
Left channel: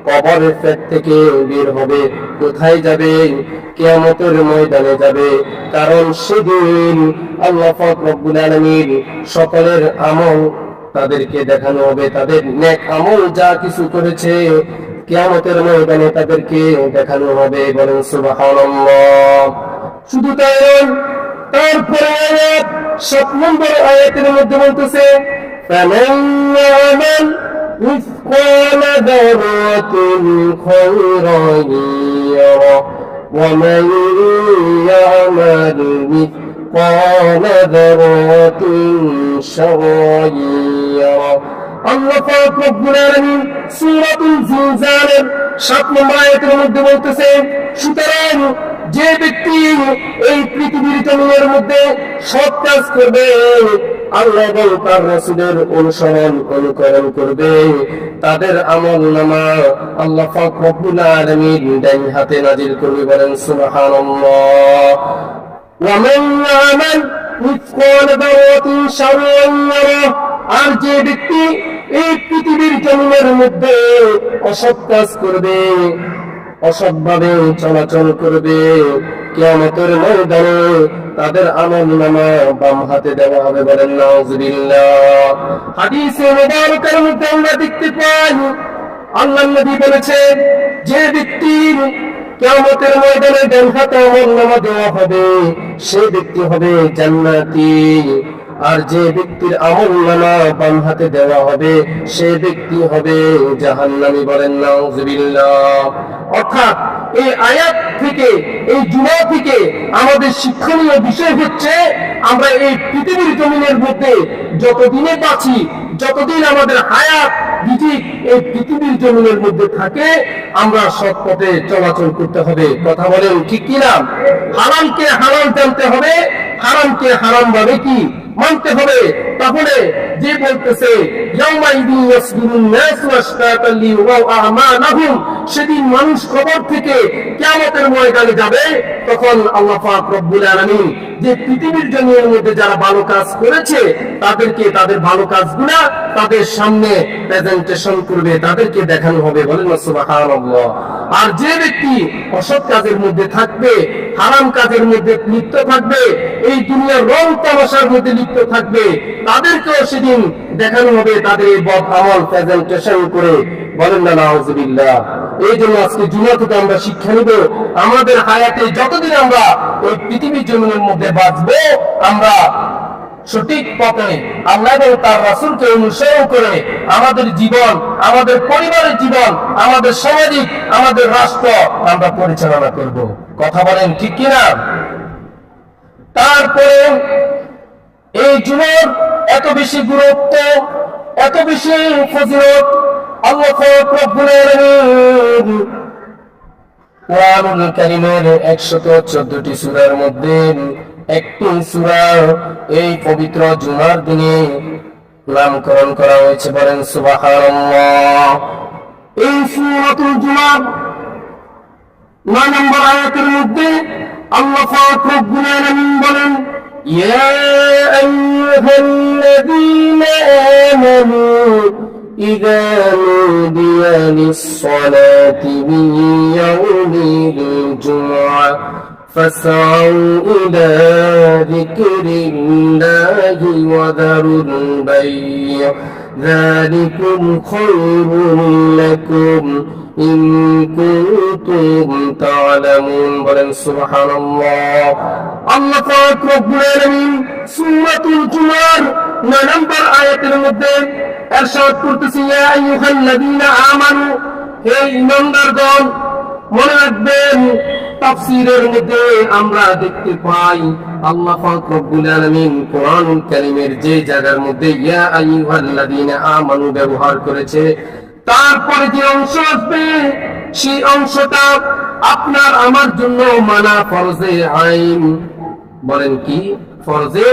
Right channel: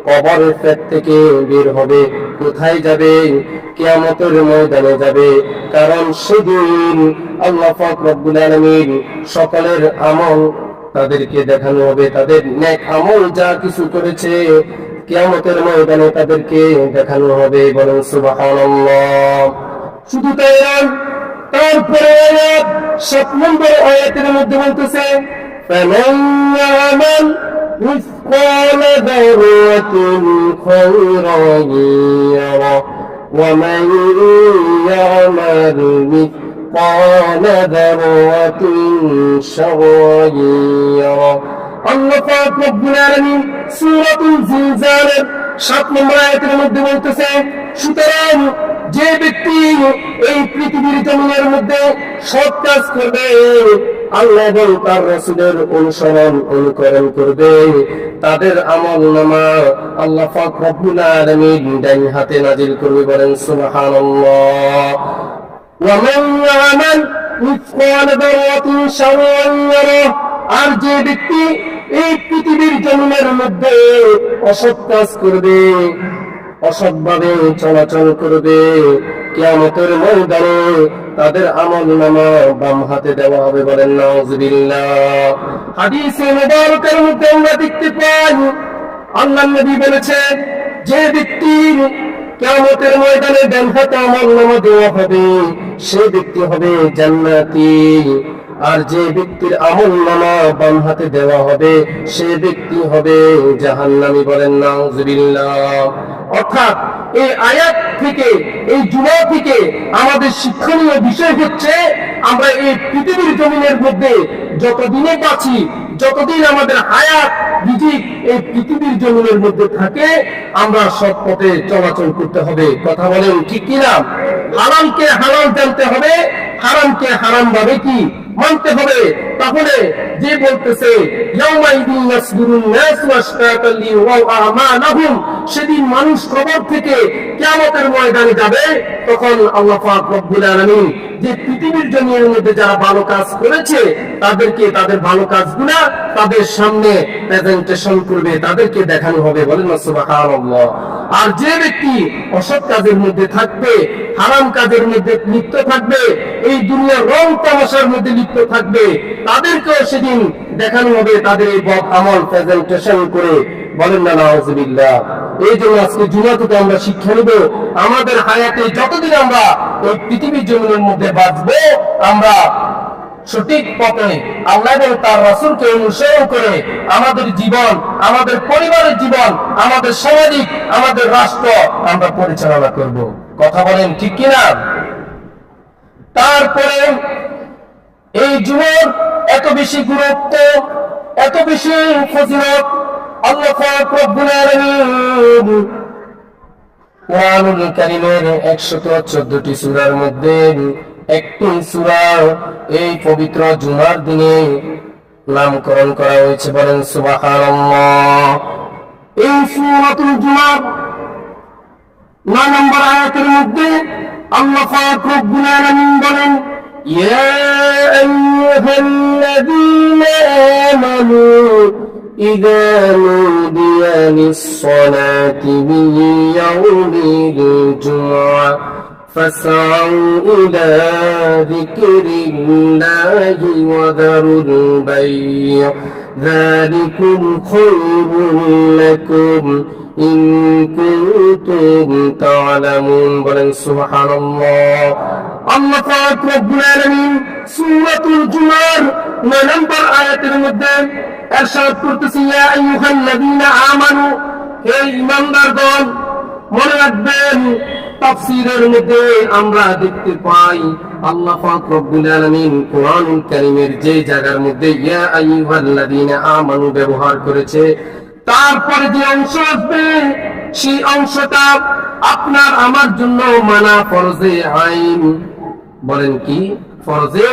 কবরের পেট থেকে বের হবে। কোথায় যাবে? কিয়ামতের ময়দানে যাবে। কারণ সেদিন আল্লাহ পাক রব্বুল আলামিন সকলের আমল তাদেরকে দেখানো হবে। তাদের নেক আমল যা কিছু করেছে কিয়ামতের ময়দানে তাদেরকে দেখানো হবে। বলেন সুবহানাল্লাহ। শুধু তাই নয়, তারপরে আয়াত 7 নম্বর আয়াতের মধ্যে বলতেছে, ফামান ইয়ামাল মিসকালা যারাতিন খায়রান ইয়ারা ওয়া মান ইয়ামাল মিসকালা যারাতিন শাররান ইয়ারা। আল্লাহ পাক রব্বুল আলামিন সূরাতুল জিলজালের 7 নম্বর আয়াতের মধ্যে বলতেছে, সুতরাং যে ব্যক্তি এই পৃথিবীর জমিনের মধ্যে সৎ কাজ করবে, আল্লাহ এবং তার রাসূলের অনুকরণ করবে, তাদের আমলনামা আল্লাহ পাক রব্বুল আলামিন ডান হাতে নাজিল করবে। বলেন সুবহানাল্লাহ। ওয়া মান ইয়ামাল মিসকালা যারাতিন শাররান ইয়ারা। আর যে ব্যক্তি এই পৃথিবীর জমিনের মধ্যে অসৎ কাজ করবে, অসৎভাবে চলাচল করবে, কিয়ামতের ময়দানে তাদের আমলনামা বাম হাতে দেওয়া হবে। বলেন নাউযুবিল্লাহ। হাদিসে মুবারকের মধ্যে আমরা দেখতে পাই আল্লাহর নবী বলেছেন, যে ব্যক্তির কিয়ামতের ময়দানে ডান হাতে আমলনামা দেওয়া হবে সে ব্যক্তি হবে জান্নাতি। আর যে ব্যক্তির আমলনামা বাম হাতে দেওয়া হবে সে ব্যক্তি হবে জাহান্নামী। বলেন নাউজুবিল্লাহ। অর্থাৎ এই আয়াত থেকে, এই জুমা থেকে আমাদের শিক্ষণীয় বিষয় হচ্ছে, আমরা এই পৃথিবীর জমিনের মধ্যে যতদিনে বাঁচি, যতদিন আমাদের হায়াত রিজিক এই পৃথিবীর জমিনের মধ্যে থাকে, আমরা সৎ পথে চলাচল করতে হবে। কথা বলেন ঠিক কিনা? হালালকে হালাল জানতে হবে, হারামকে হারাম ভাবে কি মানতে হবে। তাহলে যে বলতেছে সেদিন মানুষ কবর থেকে কিয়ামতের ময়দানে যাবে, তখন আল্লাহ পাক রব্বুল আলামিন যে পৃথিবীর জমিনের মধ্যে যারা ভালো কাজ করেছে তাদেরকে তাদের ভালো কাজগুলা তাদের সামনে প্রেজেন্টেশন করবে, তাদেরকে দেখানো হবে। বলেন না সুবহানাল্লাহ। আর যে ব্যক্তি অসৎ কাজের মধ্যে থাকবে, হারাম কাজের মধ্যে লিপ্ত থাকবে, এই দুনিয়ার রং তামাশার মধ্যে লিপ্ত থাকবে, তাদেরকেও সেদিন দেখানো হবে তাদের এই বদ আমল প্রেজেন্টেশন করে। বলেন না নাউজুবিল্লাহ। এই জন্য আজকে জুমা থেকে আমরা শিক্ষা নিব, আমাদের হায়াতে যতদিন আমরা এই পৃথিবীর জমিনের মধ্যে বাঁচবো, আমরা সঠিক পথে আল্লাহ এবং তার রাসূলকে অনুসরণ করে আমাদের জীবন, আমাদের পরিবারের জীবন, আমাদের সামাজিক, আমাদের রাষ্ট্র আমরা পরিচালনা করব। কথা বলেন ঠিক কিনা? তারপরে এই জুমার এত বেশি গুরুত্ব, এত বেশি ফজিলত, আল্লাহ পাক রব্বুল আলামিন কুরআনুল কারীমের 114টি সূরার মধ্যে একটি সূরা এই পবিত্র জুমার দিনে নামকরণ করা হয়েছে। বলেন সুবহানাল্লাহ। এই সূরাতুল জুমার 9 নম্বর আয়াতের মধ্যে আল্লাহ পাক রব্বুল আলামিন বলেন, ইয়া আইয়ুহাল্লাযীনা আমানু ইযা নুদিয়া লিস-সালাতি মিন ইয়াউমিল জুমআহ فاسعوا إلى ذكر الله وذروا البيع ذلكم خير لكم إن كنتم تعلمون। বলেন সুবহানাল্লাহ। আল্লাহ পাক রব্বুল আলামিন সূরাতুল জুমার 9 নম্বর আয়াতের মধ্যে ইরশাদ করতেছে, ইয়া আইয়ুহাল্লাযীনা আমানু, হে ঈমানদারগণ। মনে রাখবেন, তাফসীরের মধ্যে আমরা দেখতে পাই আল্লাহ পাক রব্বুল আলামিন কোরআনুল কারীমের যে জায়গার মধ্যে ইয়া আইয়ুহাল্লাযীনা আমানু ব্যবহার করেছে, তারপরে যে অংশ আসবে সেই অংশটা আপনার আমার জন্য মানা ফরজে আইন। বলেন কি? ফরজে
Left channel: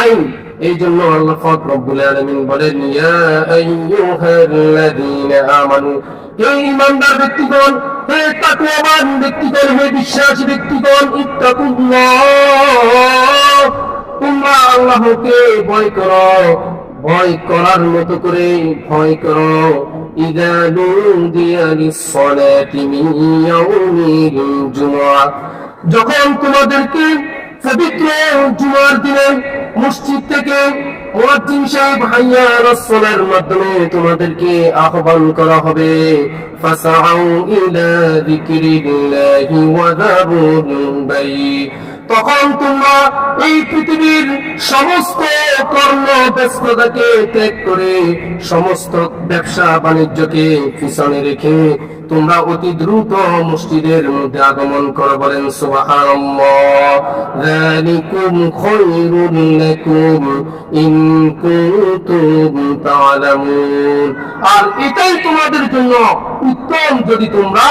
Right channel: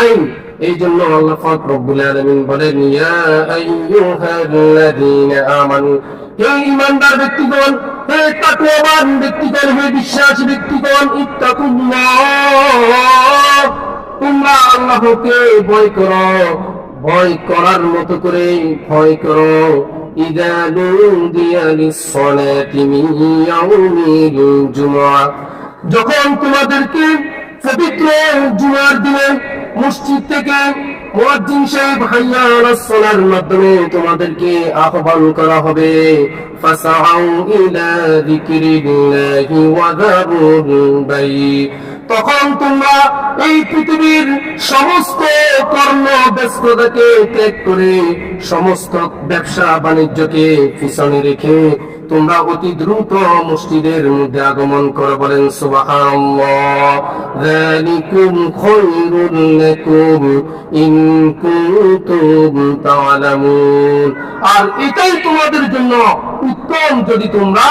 আইন। এই জন্য আল্লাহ পাক রব্বুল আলামিন বলেন, ইয়া আইয়ুহাল্লাযীনা আমানু, হে ঈমানদার ব্যক্তিগণ, হে তাকওয়াবান ব্যক্তিগণ, হে বিশ্বাসী ব্যক্তিগণ, ইত্তাকুল্লাহ, তোমরা আল্লাহকে ভয় করো, ভয় করার মতো করে ভয় করো। ইযা নুদিয়া লিস-সালাতি মিন ইয়াউমিল জুমআহ, যখন তোমাদেরকে পবিত্র জুমার দিনে মসজিদ থেকে মুয়াজ্জিন সাহেব হাইয়া আলাস সালার মাধ্যমে তোমাদেরকে আহ্বান করা হবে, ফাসাউ ইলা যিকরিল্লাহি ওয়া যারুল বাই, তখন তোমরা এই পৃথিবীর সমস্ত কর্ম ব্যস্ততাকে ত্যাগ করে, সমস্ত ব্যবসা বাণিজ্যকে পিছনে রেখে তোমরা অতি দ্রুত মসজিদের মধ্যে আগমন করো। বলেন সুবহানাল্লাহ। যালিকুম খায়রুল লাকুম ইন কুনতুম তা'লামুন, আর এটাই তোমাদের জন্য উত্তম যদি তোমরা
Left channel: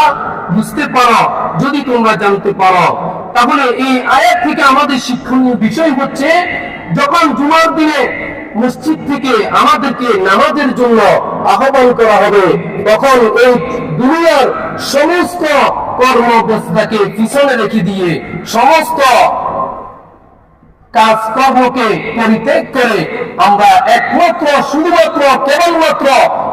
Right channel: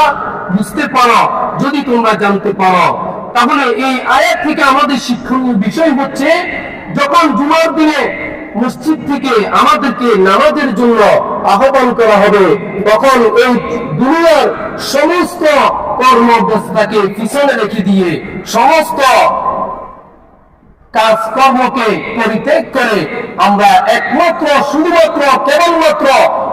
বুঝতে পারো, যদি তোমরা জানতে পারো। তাহলে এই আয়াত থেকে আমাদের শিক্ষণীয় বিষয় হচ্ছে, যখন জুমার দিনে মসজিদ থেকে আমাদেরকে নামাজের জন্য আহ্বান করা হবে, তখন এই দুনিয়ার সমস্ত কর্মব্যস্ততাকে পিছনে রেখে দিয়ে, সমস্ত কাজকর্মকে পরিত্যাগ করে আমরা একমাত্র শুধুমাত্র কেবলমাত্র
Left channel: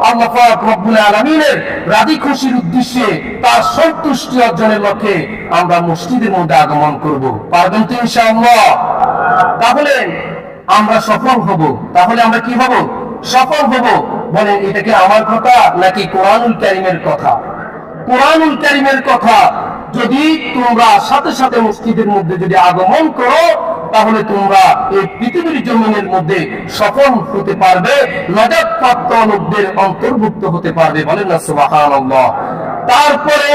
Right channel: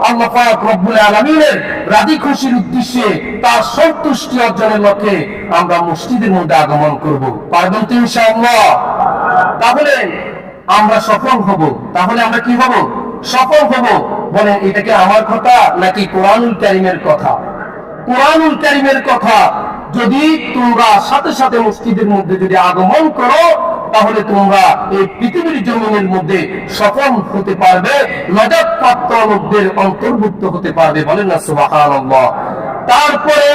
আল্লাহ পাক রব্বুল আলামিনের রাজি খুশির উদ্দেশ্যে, তার সন্তুষ্টি অর্জনের লক্ষ্যে আমরা মসজিদের মধ্যে আগমন করব। পারবেন তো ইনশাআল্লাহ? তাহলে আমরা সফল হব। তাহলে আমরা কি হব? সফল হব। বলেন, এটা কি আমার কথা নাকি কোরআনুল কারীমের কথা? কোরআনুল কারীমের কথা। যদি তোমরা সাথে সাথে মসজিদের মধ্যে যদি আগমন করো, তাহলে তোমরা এই পৃথিবীর জমিনের মধ্যে সফল হতে পারবে, নাজাতপ্রাপ্ত লোকদের অন্তর্ভুক্ত হতে পারবে। বলেন না সুবহানাল্লাহ। তারপরে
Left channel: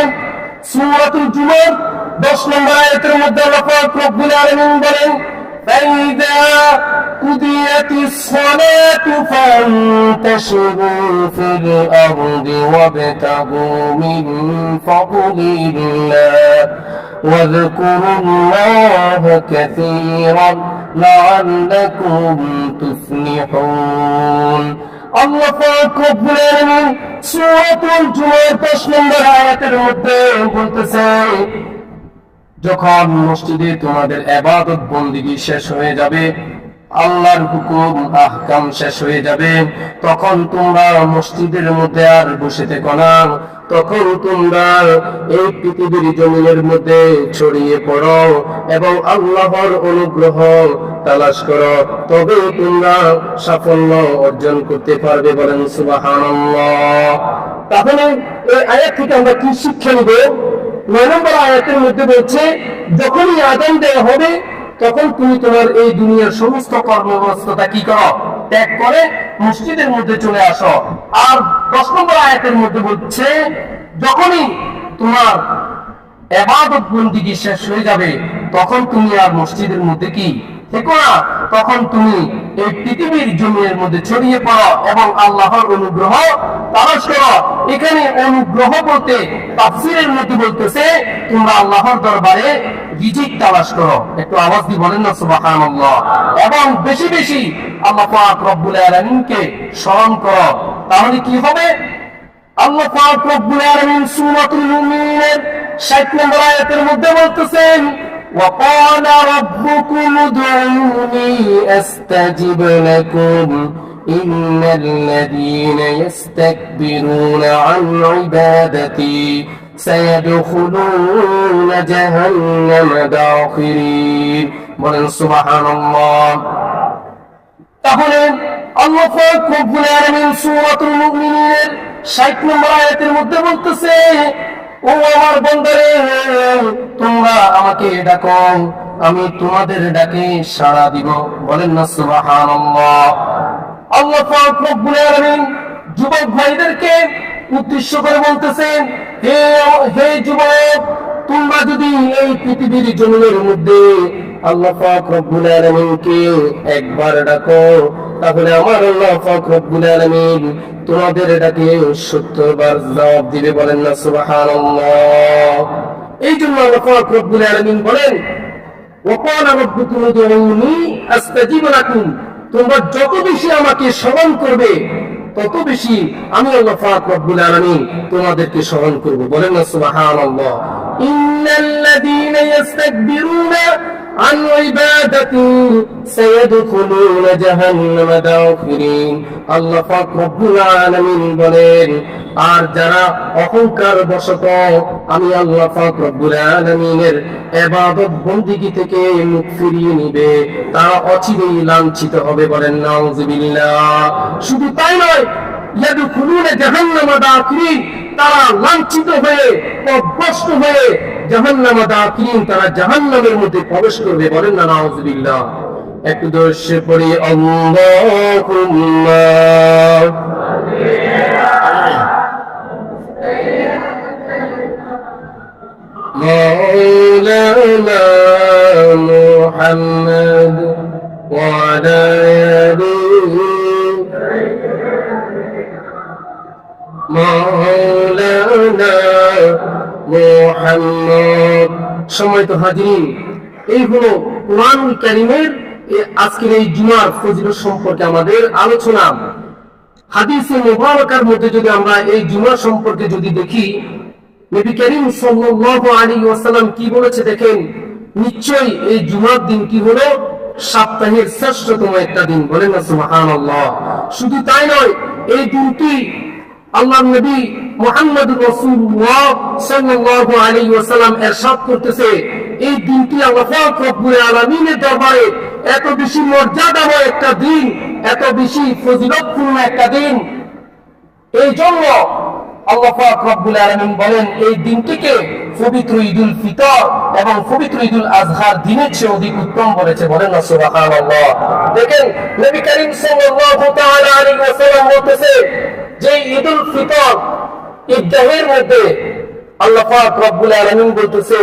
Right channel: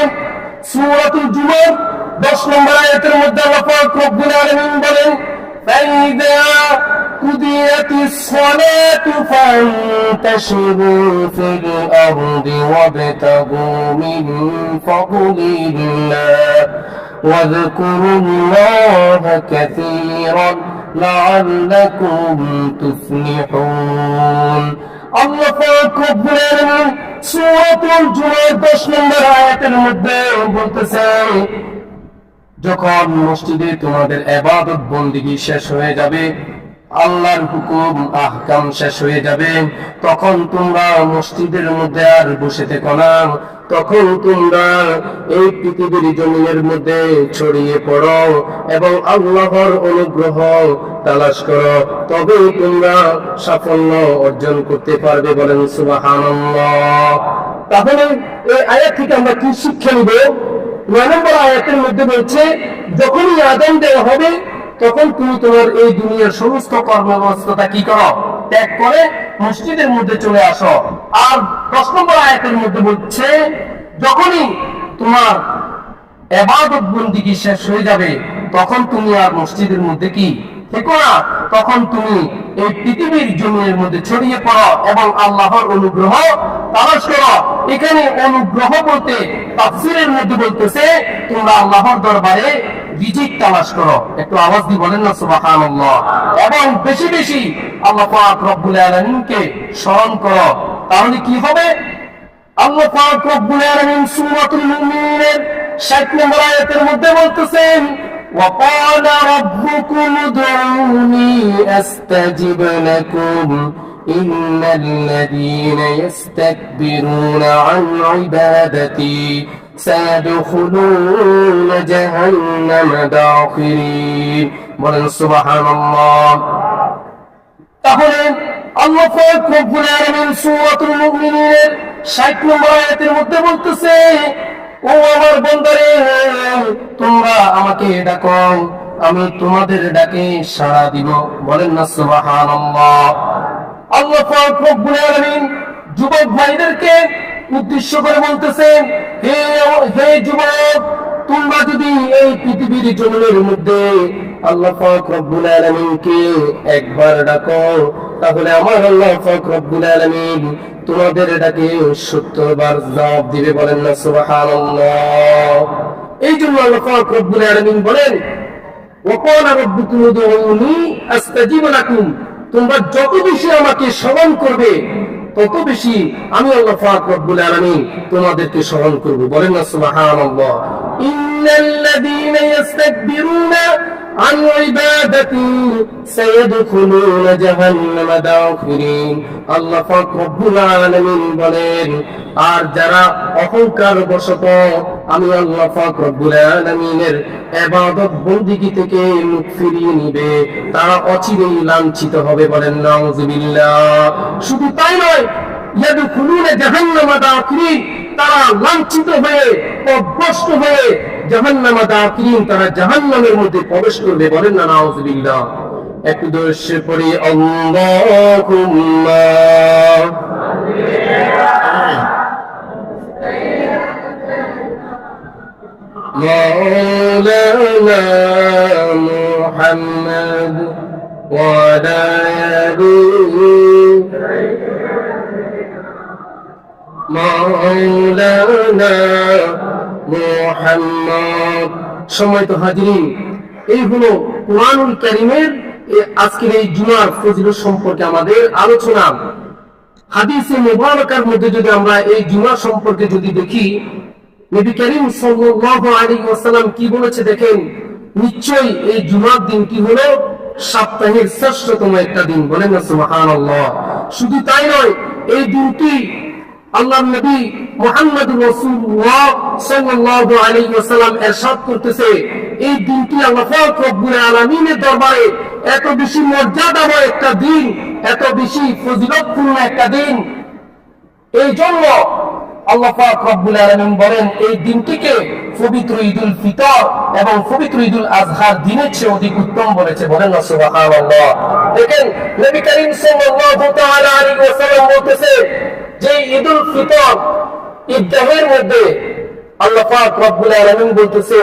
সূরাতুল জুমার 10 নম্বর আয়াতের মধ্যে আল্লাহ পাক রব্বুল আলামিন বলেন, فَإِذَا قُضِيَتِ الصَّلَاةُ فَانتَشِرُوا فِي الْأَرْضِ وَابْتَغُوا مِنْ فَضْلِ اللَّهِ وَاذْكُرُوا اللَّهَ كَثِيرًا لَعَلَّكُمْ تُفْلِحُونَ। আল্লাহ পাক রব্বুল আলামিন সূরাতুল জুমার 10 নম্বর আয়াতের মধ্যে বলতেছেন, যখন মসজিদে তোমাদের ইবাদত বন্দেগী শেষ হয়ে যাবে, আল্লাহর হুকুম আহকাম শেষ হয়ে যাবে, তখন তোমরা মসজিদের মধ্যে আর বসে থেকো না, তখন তোমরা এই পৃথিবীর জমিনের মধ্যে ছড়িয়ে পড়ো এবং আল্লাহর অনুগ্রহ তালাশ করো, তবে তোমরা সাফল্য অর্জন করতে পারবে। বলেন সুবহানাল্লাহ। তাহলে এই আয়াত থেকে আমরা কি শিক্ষা নিব? 9 নম্বর আয়াতের মধ্যে বলছে, যখনই আযান দেওয়া হবে তখন তুমি তোমার এই দুনিয়ার সমস্ত কর্মব্যস্ততা কি করো? ত্যাগ করে মসজিদের মধ্যে চলে আসো। আর 10 নম্বর আয়াতের মধ্যে বলছে, যখনই তোমার ইবাদত বন্দেগী শেষ হয়ে যাবে তখন তুমি আর মসজিদের মধ্যে কি থেকো না, তখন তুমি এই পৃথিবীর জমিনের মধ্যে ছড়িয়ে পড়ো এবং আল্লাহর অনুগ্রহ তালাশ করো। এখানে অনুগ্রহ বলতে তাফসীরের মধ্যে বলতেছে, তোমরা আল্লাহর দরবারে রিজিক তালাশ করো। একটু আওয়াজ দিয়ে বলেন না সুবহানাল্লাহ। এবং বেশি বেশি আল্লাহ পাক রব্বুল আলামিনকে স্মরণ করো, তাহলে কি হবে? আল্লাহ পাক রব্বুল আলামিন সূরাতুল মুমিনের 60 নম্বর আয়াতের মধ্যে বলতেছেন, وقال ربكم ادعوني أستجب لكم إن الذين يستكبرون عن عبادتي سيدخلون جهنم داخرين। বলেন সুবহানাল্লাহ। তাহলে আল্লাহ পাক রব্বুল আলামিন সূরাতুল মুমিনের 60 নম্বর আয়াতের মধ্যে বলতেছে, ও আমার বান্দারে, তোমরা আমাকে ডাকো, আমি তোমাদের ডাকে সাড়া দিব। বলেন না সুবহানাল্লাহ। আল্লাহ পাক রব্বুল আলামিন যুবক ভাইদেরকে উদ্দেশ্য করে বলতেছেন, হে যুবক, তোমরা যদি এই পৃথিবীর জমিনের মধ্যে আল্লাহ পাক রব্বুল আলামিনকে একবার ডাকো, তাহলে আমার আল্লাহ পাক রব্বুল আলামিন তোমাদের ডাকে 70 বার জবাব দিবে। বলেন না সুবহানাল্লাহ। এই জন্য আল্লাহ পাক রব্বুল আলামিন বলেন, ওয়াকালা রাব্বুকুম উদউনি আস্তাজিব লাকুম। তোমরা যত বেশি আমাকে স্মরণ করবে তত বেশি আমি আল্লাহ পাক রব্বুল আলামিন তোমাদেরকে স্মরণ করব। বলেন না সুবহানাল্লাহ। ইন্নাল্লাযীনা ইস্তাকবিরুনা عن عبادتي سيدخلون جهنم داخرين। আল্লাহ পাক রব্বুল আলামিন বলেন, আর যারা অহংকার বশত আমি আল্লাহ পাক রব্বুল আলামিনের ইবাদত বন্দেগী থেকে মুখ ফিরিয়ে নিবে, তারা অচিরেই লাঞ্ছিত হবে। বলেন নাউযুবিল্লাহ। শুধু তাই নয়, ইয়াদখুলুনা জাহান্নাম দাখিরিন, তারা লাঞ্ছিত হয়ে পথভ্রষ্ট হয়ে জাহান্নাম দাখিরিন, তারা জাহান্নামের মধ্যে প্রবেশ করবে। বলেন না নাউযুবিল্লাহ। একটু দর্শে পড়ি, আল্লাহুম্মা মাওলানা মুহাম্মদ ওয়া আলা আলিহি মাওলানা মুহাম্মদ। সম্মানিত হাজিরিন, এই হলো কুরআনুল কারীমের আজকের এই জুমার ফজিলত সম্পর্কে আমাদের আলোচনা। হাদিসে মুবারাকার মধ্যে যদি আমরা এই জুমা সম্পর্কে যদি দেখি, নবী করিম সাল্লাল্লাহু আলাইহি ওয়াসাল্লাম কি বলেছে দেখেন, নিশ্চয়ই এই জুমার দিনটি হলো সপ্তাহের শ্রেষ্ঠতম একটা দিন। বলেন না সুবহানাল্লাহ। শুধু তাই নয়, এই দিনটি আল্লাহর নবী মুহাম্মদুর রাসূলুল্লাহ সাল্লাল্লাহু আলাইহি ওয়াসাল্লাম ইরশাদ করতেছে, এই দিনটি আল্লাহ পাক রব্বুল আলামিনের দরবারে এত বেশি মর্যাদাময় একটা দিন, এত বেশি ফজিলতপূর্ণ একটা দিন। এই জন্য আল্লাহ পাক রব্বুল আলামিন বলেন এই দিনটিকে পবিত্র ঈদুল ফিতর এবং পবিত্র ঈদুল আজহার দিনের চেয়ে অধিক উত্তম বলেছে। বলেন না সুবহানাল্লাহ। দেখেন নবী করিম সাল্লাল্লাহু তাআলা আলাইহি ওয়াসাল্লাম বলতেছে যে ঈদুল ফিতর ঈদগাহের মধ্যে আল্লাহ পাক রব্বুল আলামিন বলতেছে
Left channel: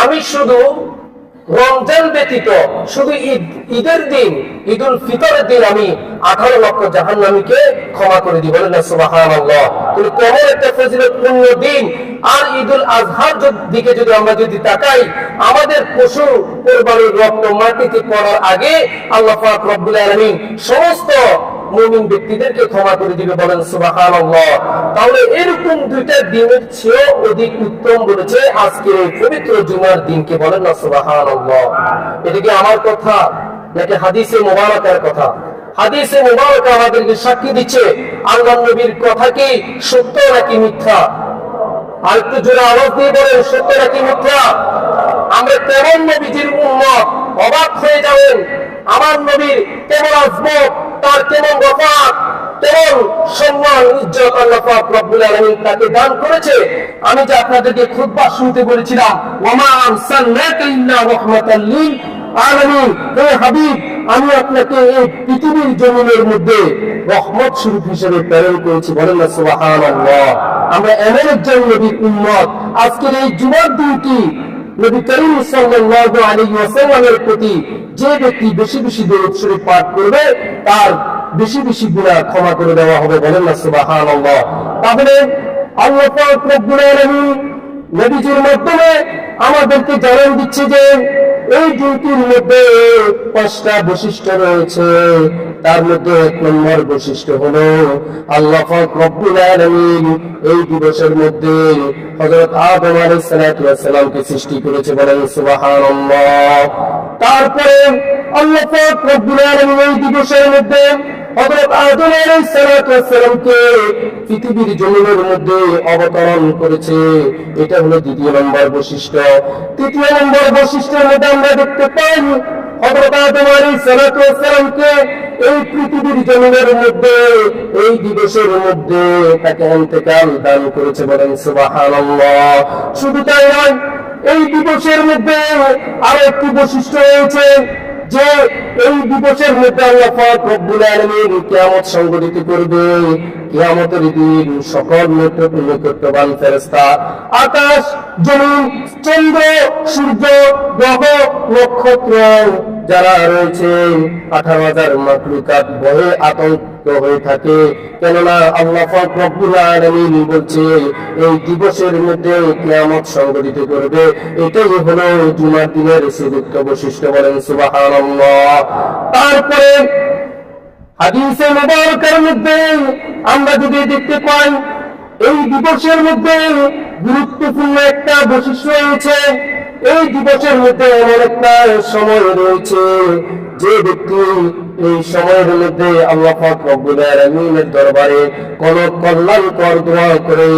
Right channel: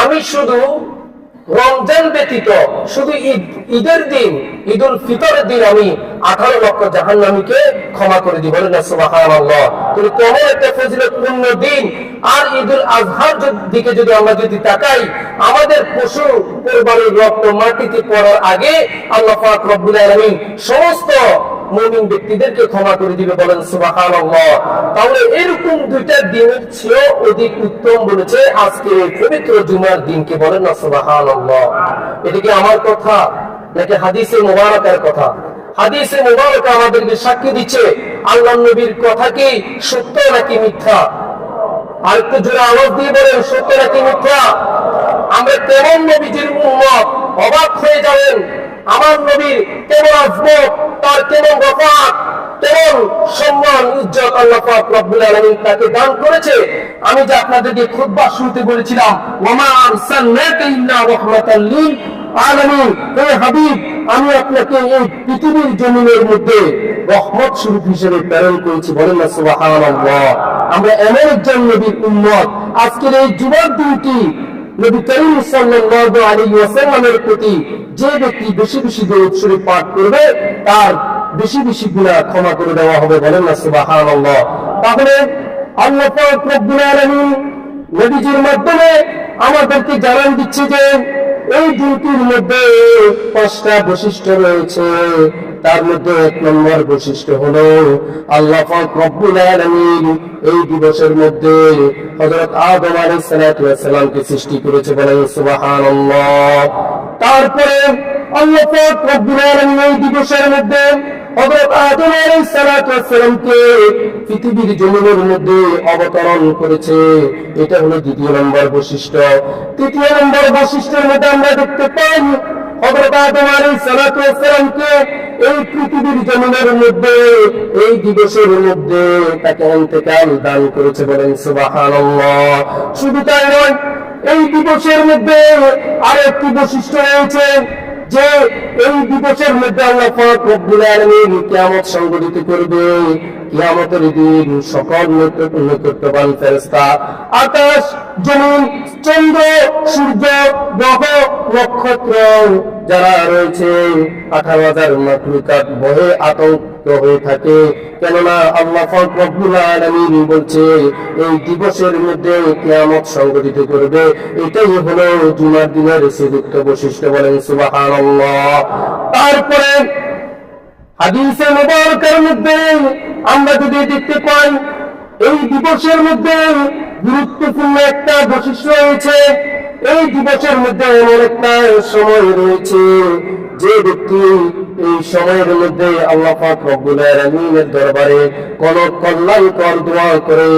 আমি শুধু রমজান ব্যতীত শুধু ঈদের দিন ঈদুল ফিতরের দিন আমি 18 লক্ষ জাহান্নামীকে ক্ষমা করে দিব। বলেন না সুবহানাল্লাহ। তাহলে কেমন একটা ফজিলতপূর্ণ দিন। আর ঈদুল আজহার দিকে যদি আমরা তাকাই, আমাদের পশু কোরবানির রক্ত মাটিতে পড়ার আগে আল্লাহ পাক রব্বুল আলামিন সমস্ত মুমিন ব্যক্তিদেরকে ক্ষমা করে দিবে। বলেন সুবহানাল্লাহ। তাহলে এরকম দুইটা দিনের চেয়েও অধিক উত্তম বলেছে আজকে পবিত্র জুমার দিনকে। বলেন না সুবহানাল্লাহ। এটা কি আমার কথা নাকি হাদিসে মুবারাকার কথা? হাদিসে মুবারক আমাদেরকে সাক্ষী দিচ্ছে আল্লাহর নবীর কথা কি সত্য নাকি মিথ্যা? আর একটু জোরে আওয়াজ দিয়ে বলেন সত্য নাকি মিথ্যা? আমরা কেমন নবীজির উম্মত, অবাক হয়ে যাবেন। আমার নবীর কেমন আজমত, তার কেমন রফাত, কেমন সম্মান ইজ্জত আল্লাহ পাক রব্বুল আলামিন তাকে দান করেছে। আমি যে আপনাদেরকে খুতবা শুনতে বলেছিলাম ওয়ামা আরসালনাকা ইল্লা রাহমাতাল লিল আলামিন, হে হাবিব আমি আপনাকে এই পৃথিবীর জমিনের মধ্যে রহমত স্বরূপ হিসেবে প্রেরণ করেছি। বলেন না সুবহানাল্লাহ। আমরা এমন একজন নবীর উম্মত, আজকের এই জুমার দিনটি নবী করিম সাল্লাল্লাহু আলাইহি ওয়াসাল্লামের প্রতি যে ব্যক্তি বেশি বেশি দরুদ শরীফ পাঠ করবে তার বেশি বেশি গুনাহ ক্ষমা করে দেওয়া হবে। বলেন না সুবহানাল্লাহ। তাহলে আল্লাহ পাক রব্বুল আলামিন নবীজির মাধ্যমে আমাদেরকে জানান দিচ্ছে যে এই দিনটির মধ্যে 5টা বৈশিষ্ট্য রয়েছে। তার মধ্যে 1 নম্বর বৈশিষ্ট্য হলো আল্লাহ পাক রব্বুল আলামিন এই দিবসের মধ্যে হযরত আদম আলাইহিস সালাতু ওয়াস সালামকে সৃষ্টি করেছে। বলেন সুবহানাল্লাহ। তারপরে আল্লাহ পাক রব্বুল আলামিন এই দিবসের মধ্যে হযরত আদম আলাইহিস সালাতু ওয়াস সালামকে পৃথিবীর জমিনের মধ্যে অবতরণ করেছে। এটা হলো 2য় নম্বর বৈশিষ্ট্য। 3য় নম্বর বৈশিষ্ট্যের মধ্যে আমরা দেখতে পাই হযরত আদম আলাইহিস সালাতু ওয়াস সালামকে এই পৃথিবীর জমিনের মধ্যে এই দিবসের মধ্যে তাকে ইন্তেকাল দান করেছে। বলেন সুবহানাল্লাহ। শুধু তাই নয়, এই দিবসের মধ্যে আরো একটি বৈশিষ্ট্য রয়েছে যে এই দিবসের মধ্যে আল্লাহ পাক রব্বুল আলামিন কিয়ামত সংঘটিত করবে। কিয়ামতের দিন সকল নৈকট্যবান ফেরেশতা, আকাশ, জমিন, চন্দ্র, সূর্য, গ্রহ, নক্ষত্র যারা রয়েছে 18,000 মাখলুকাত ভয়ে আতঙ্কিত হয়ে থাকে। কেননা আল্লাহ পাক রব্বুল আলামিন বলছে এই দিবসের মধ্যে কিয়ামত সংঘটিত করবে। এটাই হলো জুমার দিনের শ্রেষ্ঠ বৈশিষ্ট্য। বলেন সুবহানাল্লাহ। তারপরে হাদিসে মুবারকের মধ্যে আমরা যদি দেখতে পাই এই দিবসের মধ্যে গুরুত্বপূর্ণ একটা বৈশিষ্ট্য রয়েছে। এই দিবসের মধ্যে এমন একটা সময় রয়েছে যে ব্যক্তি এই সময়ের মধ্যে আল্লাহ পাক রব্বুল আলামিনের দরবারে কোন কল্যাণকর দোয়া করে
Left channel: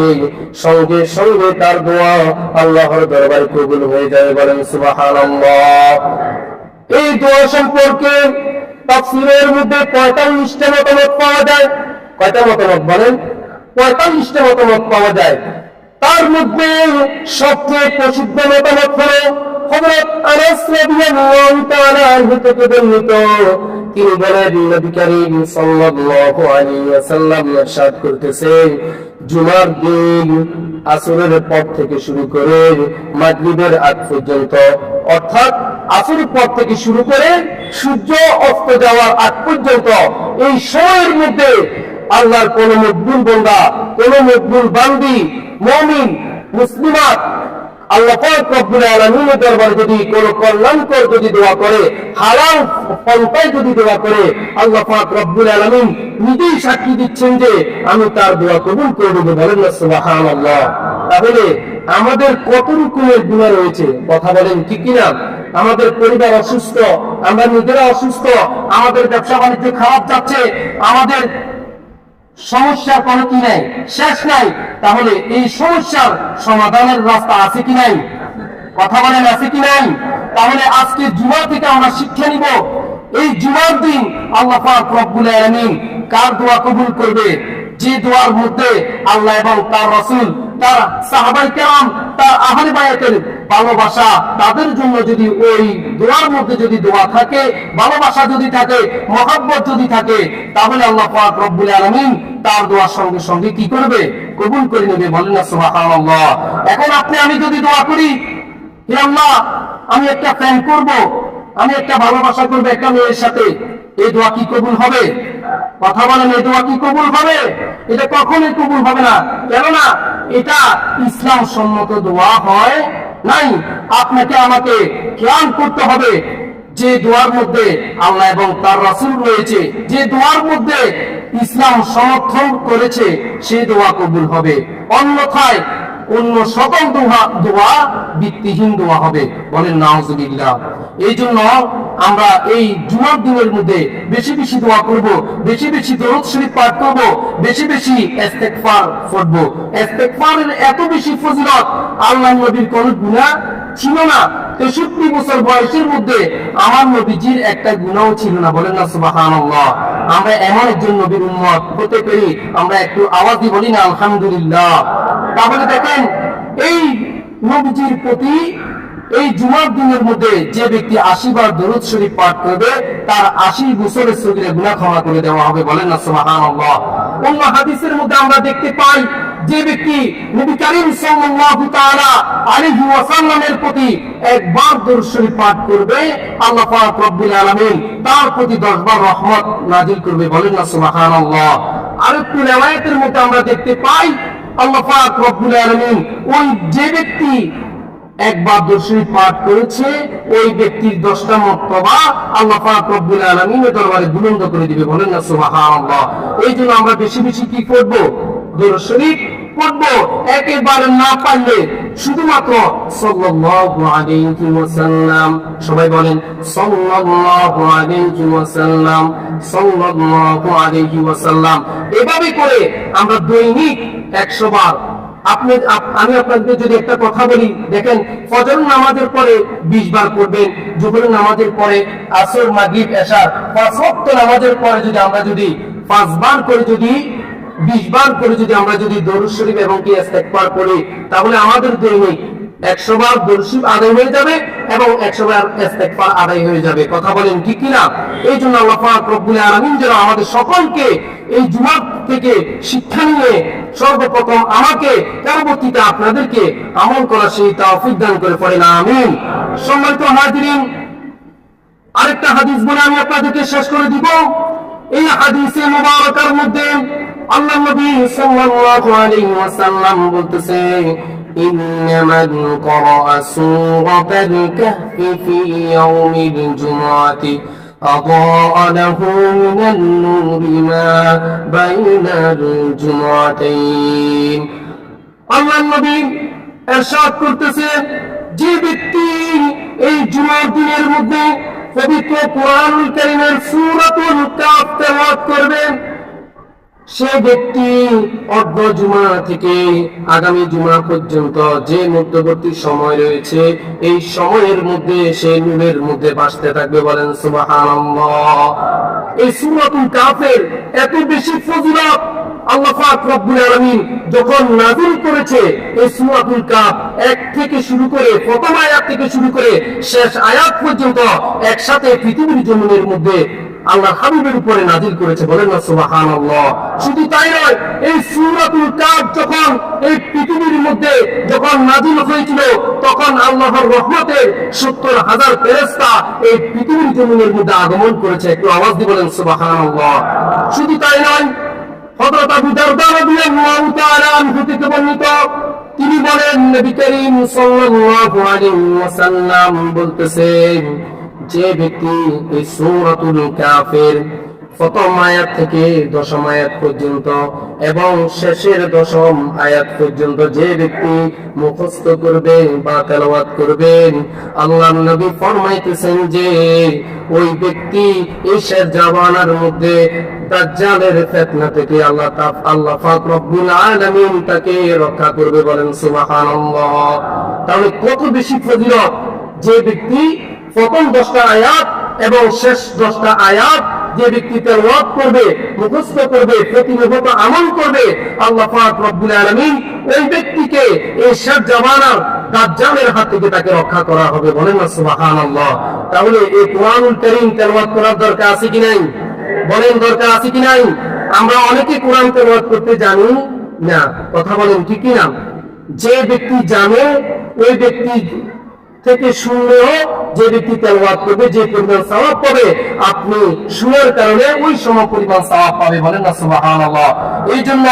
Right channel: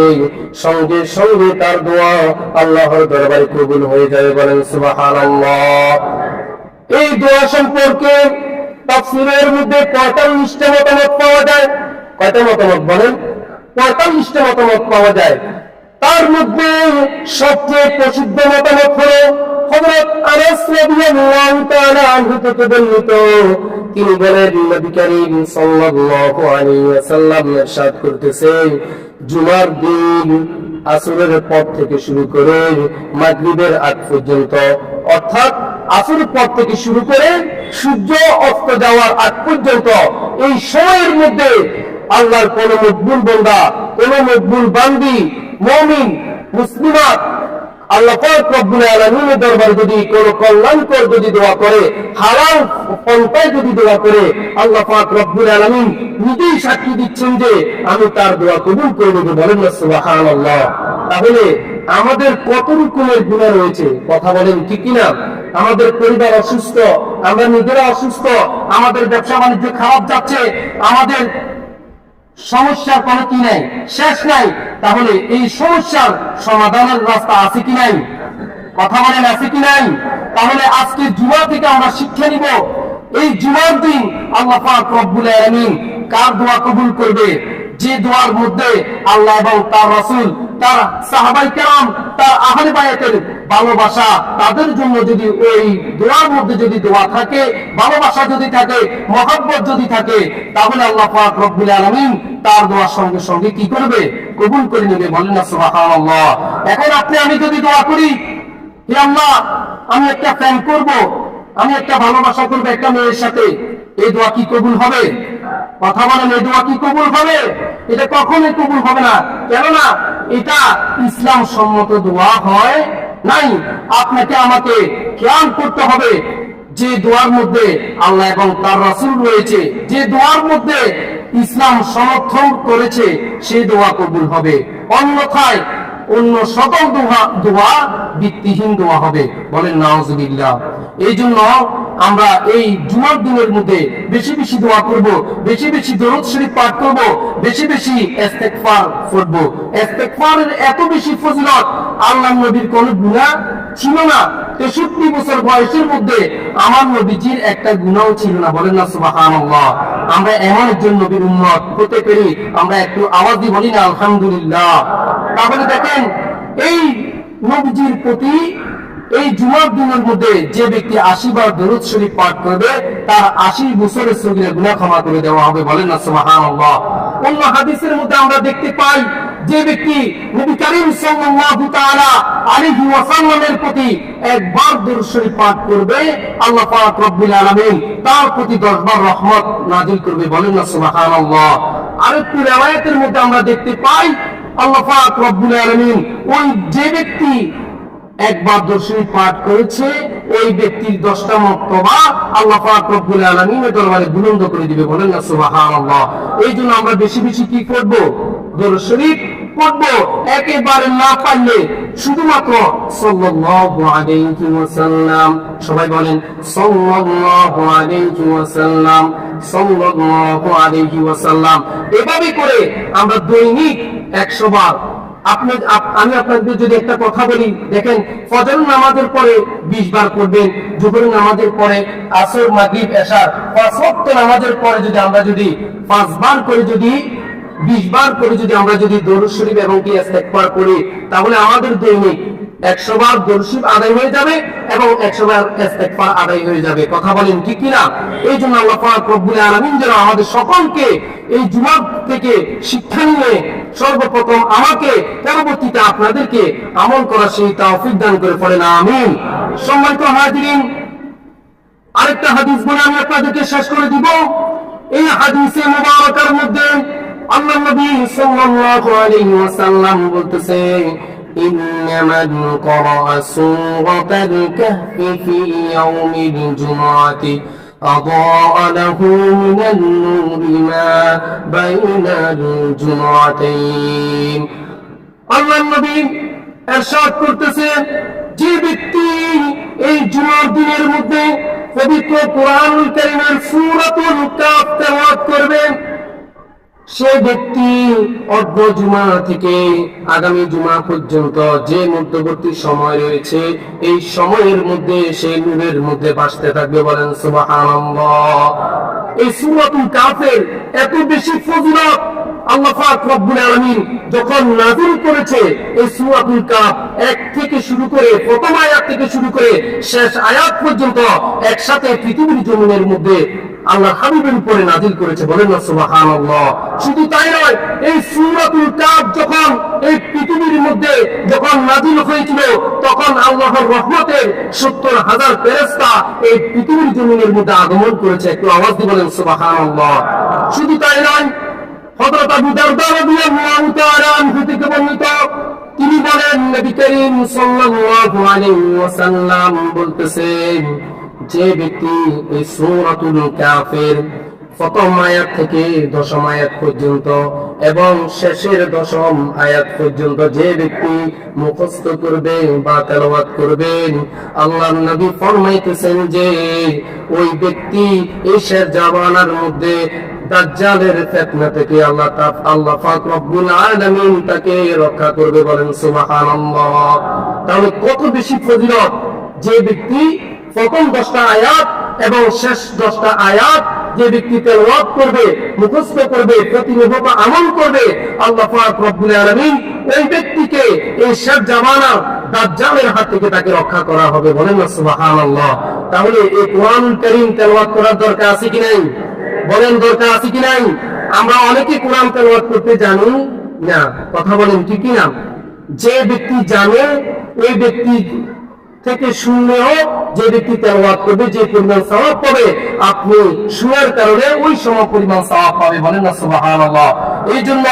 সঙ্গে সঙ্গে তার দোয়া আল্লাহর দরবারে কবুল হয়ে যায়। বলেন সুবহানাল্লাহ। এই দোয়া সম্পর্কে তাফসীরের মধ্যে 45টা মতামত পাওয়া যায়। কয়টা মতামত বলেন? 45টা মতামত পাওয়া যায়। তার মধ্যে সবচেয়ে প্রসিদ্ধ মতামত হলো হযরত আনাস রাদিয়াল্লাহু তাআলা আনহু থেকে বর্ণিত। তিনি বলেন নবী করিম সাল্লাল্লাহু আলাইহি ওয়াসাল্লাম ইরশাদ করতেছেন জুমার দিন আসরের পর থেকে শুরু করে মাগরিবের আগ পর্যন্ত, অর্থাৎ আসরের পর থেকে শুরু করে সূর্য অস্ত যাওয়ার আগ পর্যন্ত এই সময়ের মধ্যে আল্লাহর কোন মকবুল বান্দা, কোন মকবুল বান্দি, মুমিন, মুসলিমাত আল্লাহ পাক রব্বুল আলামিনের দরবারে যদি কোন কল্যাণকর যদি দোয়া করে, হালাল পন্থায় যদি দোয়া করে, আল্লাহ পাক রব্বুল আলামিন নিজেই সাক্ষী দিচ্ছেন যে আমি তার দোয়া কবুল করে দেব। বলেন না সুবহানাল্লাহ। তাহলে আমাদের কত রকমের গুনাহ রয়েছে, কথা বলেন ঠিক কিনা? আমাদের পরিবার অসুস্থ, আমরা নিজেরা অসুস্থ, আমাদের ব্যবসা বাণিজ্য খারাপ যাচ্ছে, আমাদের সমস্যার কোনো কি নাই, শেষ নাই। তাহলে এই সমস্যার সমাধানের রাস্তা আছে কি নাই? কথা বলেন আছে কি নাই? তাহলে আজকে জুমা থেকে আমরা শিক্ষা নিব এই জুমার দিন আল্লাহ পাক রব্বুল আলামিন কার দোয়া কবুল করবে। যে দোয়ার মধ্যে আল্লাহ এবং তার রাসূল, তার সাহাবাই কেরাম, তার আহলে বায়াতের ভালোবাসা, তাদের জন্য যদি ওই দোয়ার মধ্যে যদি দোয়া থাকে, ভালোবাসা যদি থাকে, মহব্বত যদি থাকে, তাহলে আল্লাহ পাক রব্বুল আলামিন তার দোয়ার সঙ্গে সঙ্গে কি করবে? কবুল করে নেবে। বলেন না সুবহানাল্লাহ। এখন আপনি আমি যদি দোয়া করি, হে আল্লাহ আমি একটা ফ্যান করব, আমি একটা ভালোবাসা করবো একটা মেয়ের সাথে, এই দোয়া কি কবুল হবে? কথা বলেন, এই দোয়া কি কবুল হবে? এটা কখনোই কবুল হবে না। কেননা এটা ইসলাম সম্মত দোয়া হয় নাই। আপনাকে আমাকে খেয়াল করতে হবে যে দোয়ার মধ্যে আল্লাহ এবং তার রাসূল রয়েছে, যে দোয়ার মধ্যে ইসলাম সমর্থন করেছে, সেই দোয়া কবুল হবে। অন্যথায় অন্য সকল দোয়া ভিত্তিহীন দোয়া হবে। বলেন নাউজুবিল্লাহ। এই জন্য আমরা এই জুমার দিনের মধ্যে বেশি বেশি দোয়া করব, বেশি বেশি দরুদ শরীফ পাঠ করব, বেশি বেশি ইস্তেগফার করব। ইস্তেগফারের এত বেশি ফজিলত, আল্লাহর নবীর কোন গুনাহ ছিল না। 63 বছর বয়সের মধ্যে আমার নবীজির একটা গুনাহও ছিল না। বলেন না সুবহানাল্লাহ। আমরা এমন একজন নবীর উম্মত হতে পেরে আমরা একটু আওয়াজ দিয়ে বলি না আলহামদুলিল্লাহ। তাহলে দেখেন, এই নবীজির প্রতি এই জুমার দিনের মধ্যে যে ব্যক্তি 80 বার দরুদ শরীফ পাঠ করবে, তার 80 বছরের সগীরা গুনাহ ক্ষমা করে দেওয়া হবে। বলেন না সুবহানাল্লাহ। অন্য হাদিসের মধ্যে আমরা দেখতে পাই, যে ব্যক্তি নবী করিম সাল্লাল্লাহু তাআলা আলাইহি ওয়াসাল্লামের প্রতি একবার দরুদ শরীফ পাঠ করবে, আল্লাহ পাক রব্বুল আলামিন তার প্রতি 10 বার রহমত নাজিল করবে। বলেন না সুবহানাল্লাহ। আর একটু riwayতের মধ্যে আমরা দেখতে পাই, আল্লাহ পাক রব্বুল আলামিন ওই যে ব্যক্তি একবার দরুদ শরীফ পাঠ করেছে, ওই ব্যক্তির 10টা মর্তবা আল্লাহ পাক রব্বুল আলামিনের দরবারে বুলন্দ করে দিবে। বলেন না সুবহানাল্লাহ। এই জন্য আমরা বেশি বেশি কি করব? দরুদ শরীফ পড়ব। একেবারে না পারলে শুধুমাত্র সাল্লাল্লাহু আলাইহি ওয়াসাল্লাম, সবাই বলেন সাল্লাল্লাহু আলাইহি ওয়াসাল্লাম, সাল্লাল্লাহু আলাইহি ওয়াসাল্লাম, এভাবে করে আমরা দৈনিক 100 বার। আমি আপনাদের যদি একটা কথা বলি, দেখেন, ফজর নামাজের পরে 20 বার পড়বেন, জোহরের নামাজের পরে, আসর, মাগরিব, এশার 5 ওয়াক্ত নামাজের পরে যদি আমরা যদি 5 বার করে যদি 20 বার করে যদি আমরা যদি দরুদ শরীফ এবং কি ইস্তেগফার করি, তাহলে আমাদের দৈনিক 100 বার দরুদ শরীফ আদায় হয়ে যাবে এবং 100 বার ইস্তেগফার আদায় হয়ে যাবে। কথা বলেন ঠিক কিনা? এই জন্য আল্লাহ পাক রব্বুল আলামিন যেন আমাদের সকলকে এই জুমা থেকে শিক্ষা নিয়ে সর্বপ্রথম আমাকে, পরবর্তীতে আপনাদেরকে আমল করা সেই তৌফিক দান করে। পড়েন আমিন। সম্মানিত হাজিরিন, আরেকটা হাদিস বলে আমি আপনাদেরকে শেষ করে দিব। এই হাদিসে মুবারাকার মধ্যে আল্লাহর নবী সাল্লাল্লাহু আলাইহি ওয়াসাল্লাম বলতেছে, ইন্নামান ক্বারা'a সূরাতাল কাহফি ফি ইয়াউমিল জুমআতি আদাআ লাহু মিনান নূরি মা বাইনাল জুমআতাইন। আল্লাহর নবী ইরশাদ করতেছে, যে ব্যক্তি এই জুমার দিনের মধ্যে পবিত্র কোরআনুল কারীমের সূরাতুল কাহফ তেলাওয়াত করবে, সে ব্যক্তি অর্ধ জুমা থেকে আগামী জুমা পর্যন্ত যে মধ্যবর্তী সময় রয়েছে, এই সময়ের মধ্যে সে নূরের মধ্যে বাসতে থাকবে। বলেন সুবহানাল্লাহ। এই সূরাতুল কাহফের এত বেশি ফজিলত আল্লাহ পাক রব্বুল আলামিন যখন নাযিল করেছে, এই সূরাতুল কাহফ 1 থেকে শুরু করে, প্রথম আয়াত থেকে শুরু করে শেষ আয়াত পর্যন্ত একসাথে পৃথিবীর জমিনের মধ্যে আল্লাহর হাবিবের উপরে নাজিল করেছে। বলেন না সুবহানাল্লাহ। শুধু তাই নয়, এই সূরাতুল কাহফ যখন এই পৃথিবীর মধ্যে যখন নাজিল হয়েছিল, তখন আল্লাহর রহমতের 70,000 ফেরেশতা এই পৃথিবীর জমিনের মধ্যে আগমন করেছে। একটু আওয়াজ দিয়ে বলেন সুবহানাল্লাহ। শুধু তাই নয়, হযরত আবু দারদা রাদিয়াল্লাহু তাআলা আনহু থেকে বর্ণিত, তিনি বলেন, নবী করিম সাল্লাল্লাহু আলাইহি ওয়াসাল্লাম বলতেছেন, যে ব্যক্তি এই সূরাতুল কাহফের প্রথম আয়াত থেকে 10ম আয়াত পর্যন্ত এবং শেষের 10ম আয়াত পর্যন্ত যে ব্যক্তি মুখস্থ করবে বা তেলাওয়াত করবেন, আল্লাহর নবী ফরমাইতেছেন যে ওই ব্যক্তি ঈশার জামানার মধ্যে দাজ্জালের ফিতনা থেকে আল্লাহ পাক রব্বুল আলামিন তাকে রক্ষা করবে। বলেন সুবহানাল্লাহ। তাহলে কত বেশি ফজিলত যে ব্যক্তি প্রথম 10টা আয়াত এবং শেষ 10টা আয়াত যে ব্যক্তি তেলাওয়াত করবে, মুখস্থ করবে, প্রতিনিয়ত আমল করবে, আল্লাহ পাক রব্বুল আলামিন ওই ব্যক্তিকে এই শেষ জামানার দাজ্জালের হাত থেকে তাকে রক্ষা করা হবে। বলেন না সুবহানাল্লাহ। তাহলে এই কোরআনুল কারীম তেলাওয়াত করার দরকার আছে কি নাই? বলেন দরকার আছে কি নাই? আমরা অনেকে কোরআন তেলাওয়াত করতে জানি না, কথা বলেন ঠিক কি না? যে ব্যক্তি জানে ওই ব্যক্তি থেকে শুনলেও যে ব্যক্তি তেলাওয়াত করবে যে পরিমাণ সওয়াব পাবে, আপনি শোনার কারণে ওই সম পরিমাণ সওয়াব পাবে। বলেন না সুবহানাল্লাহ। এই জন্য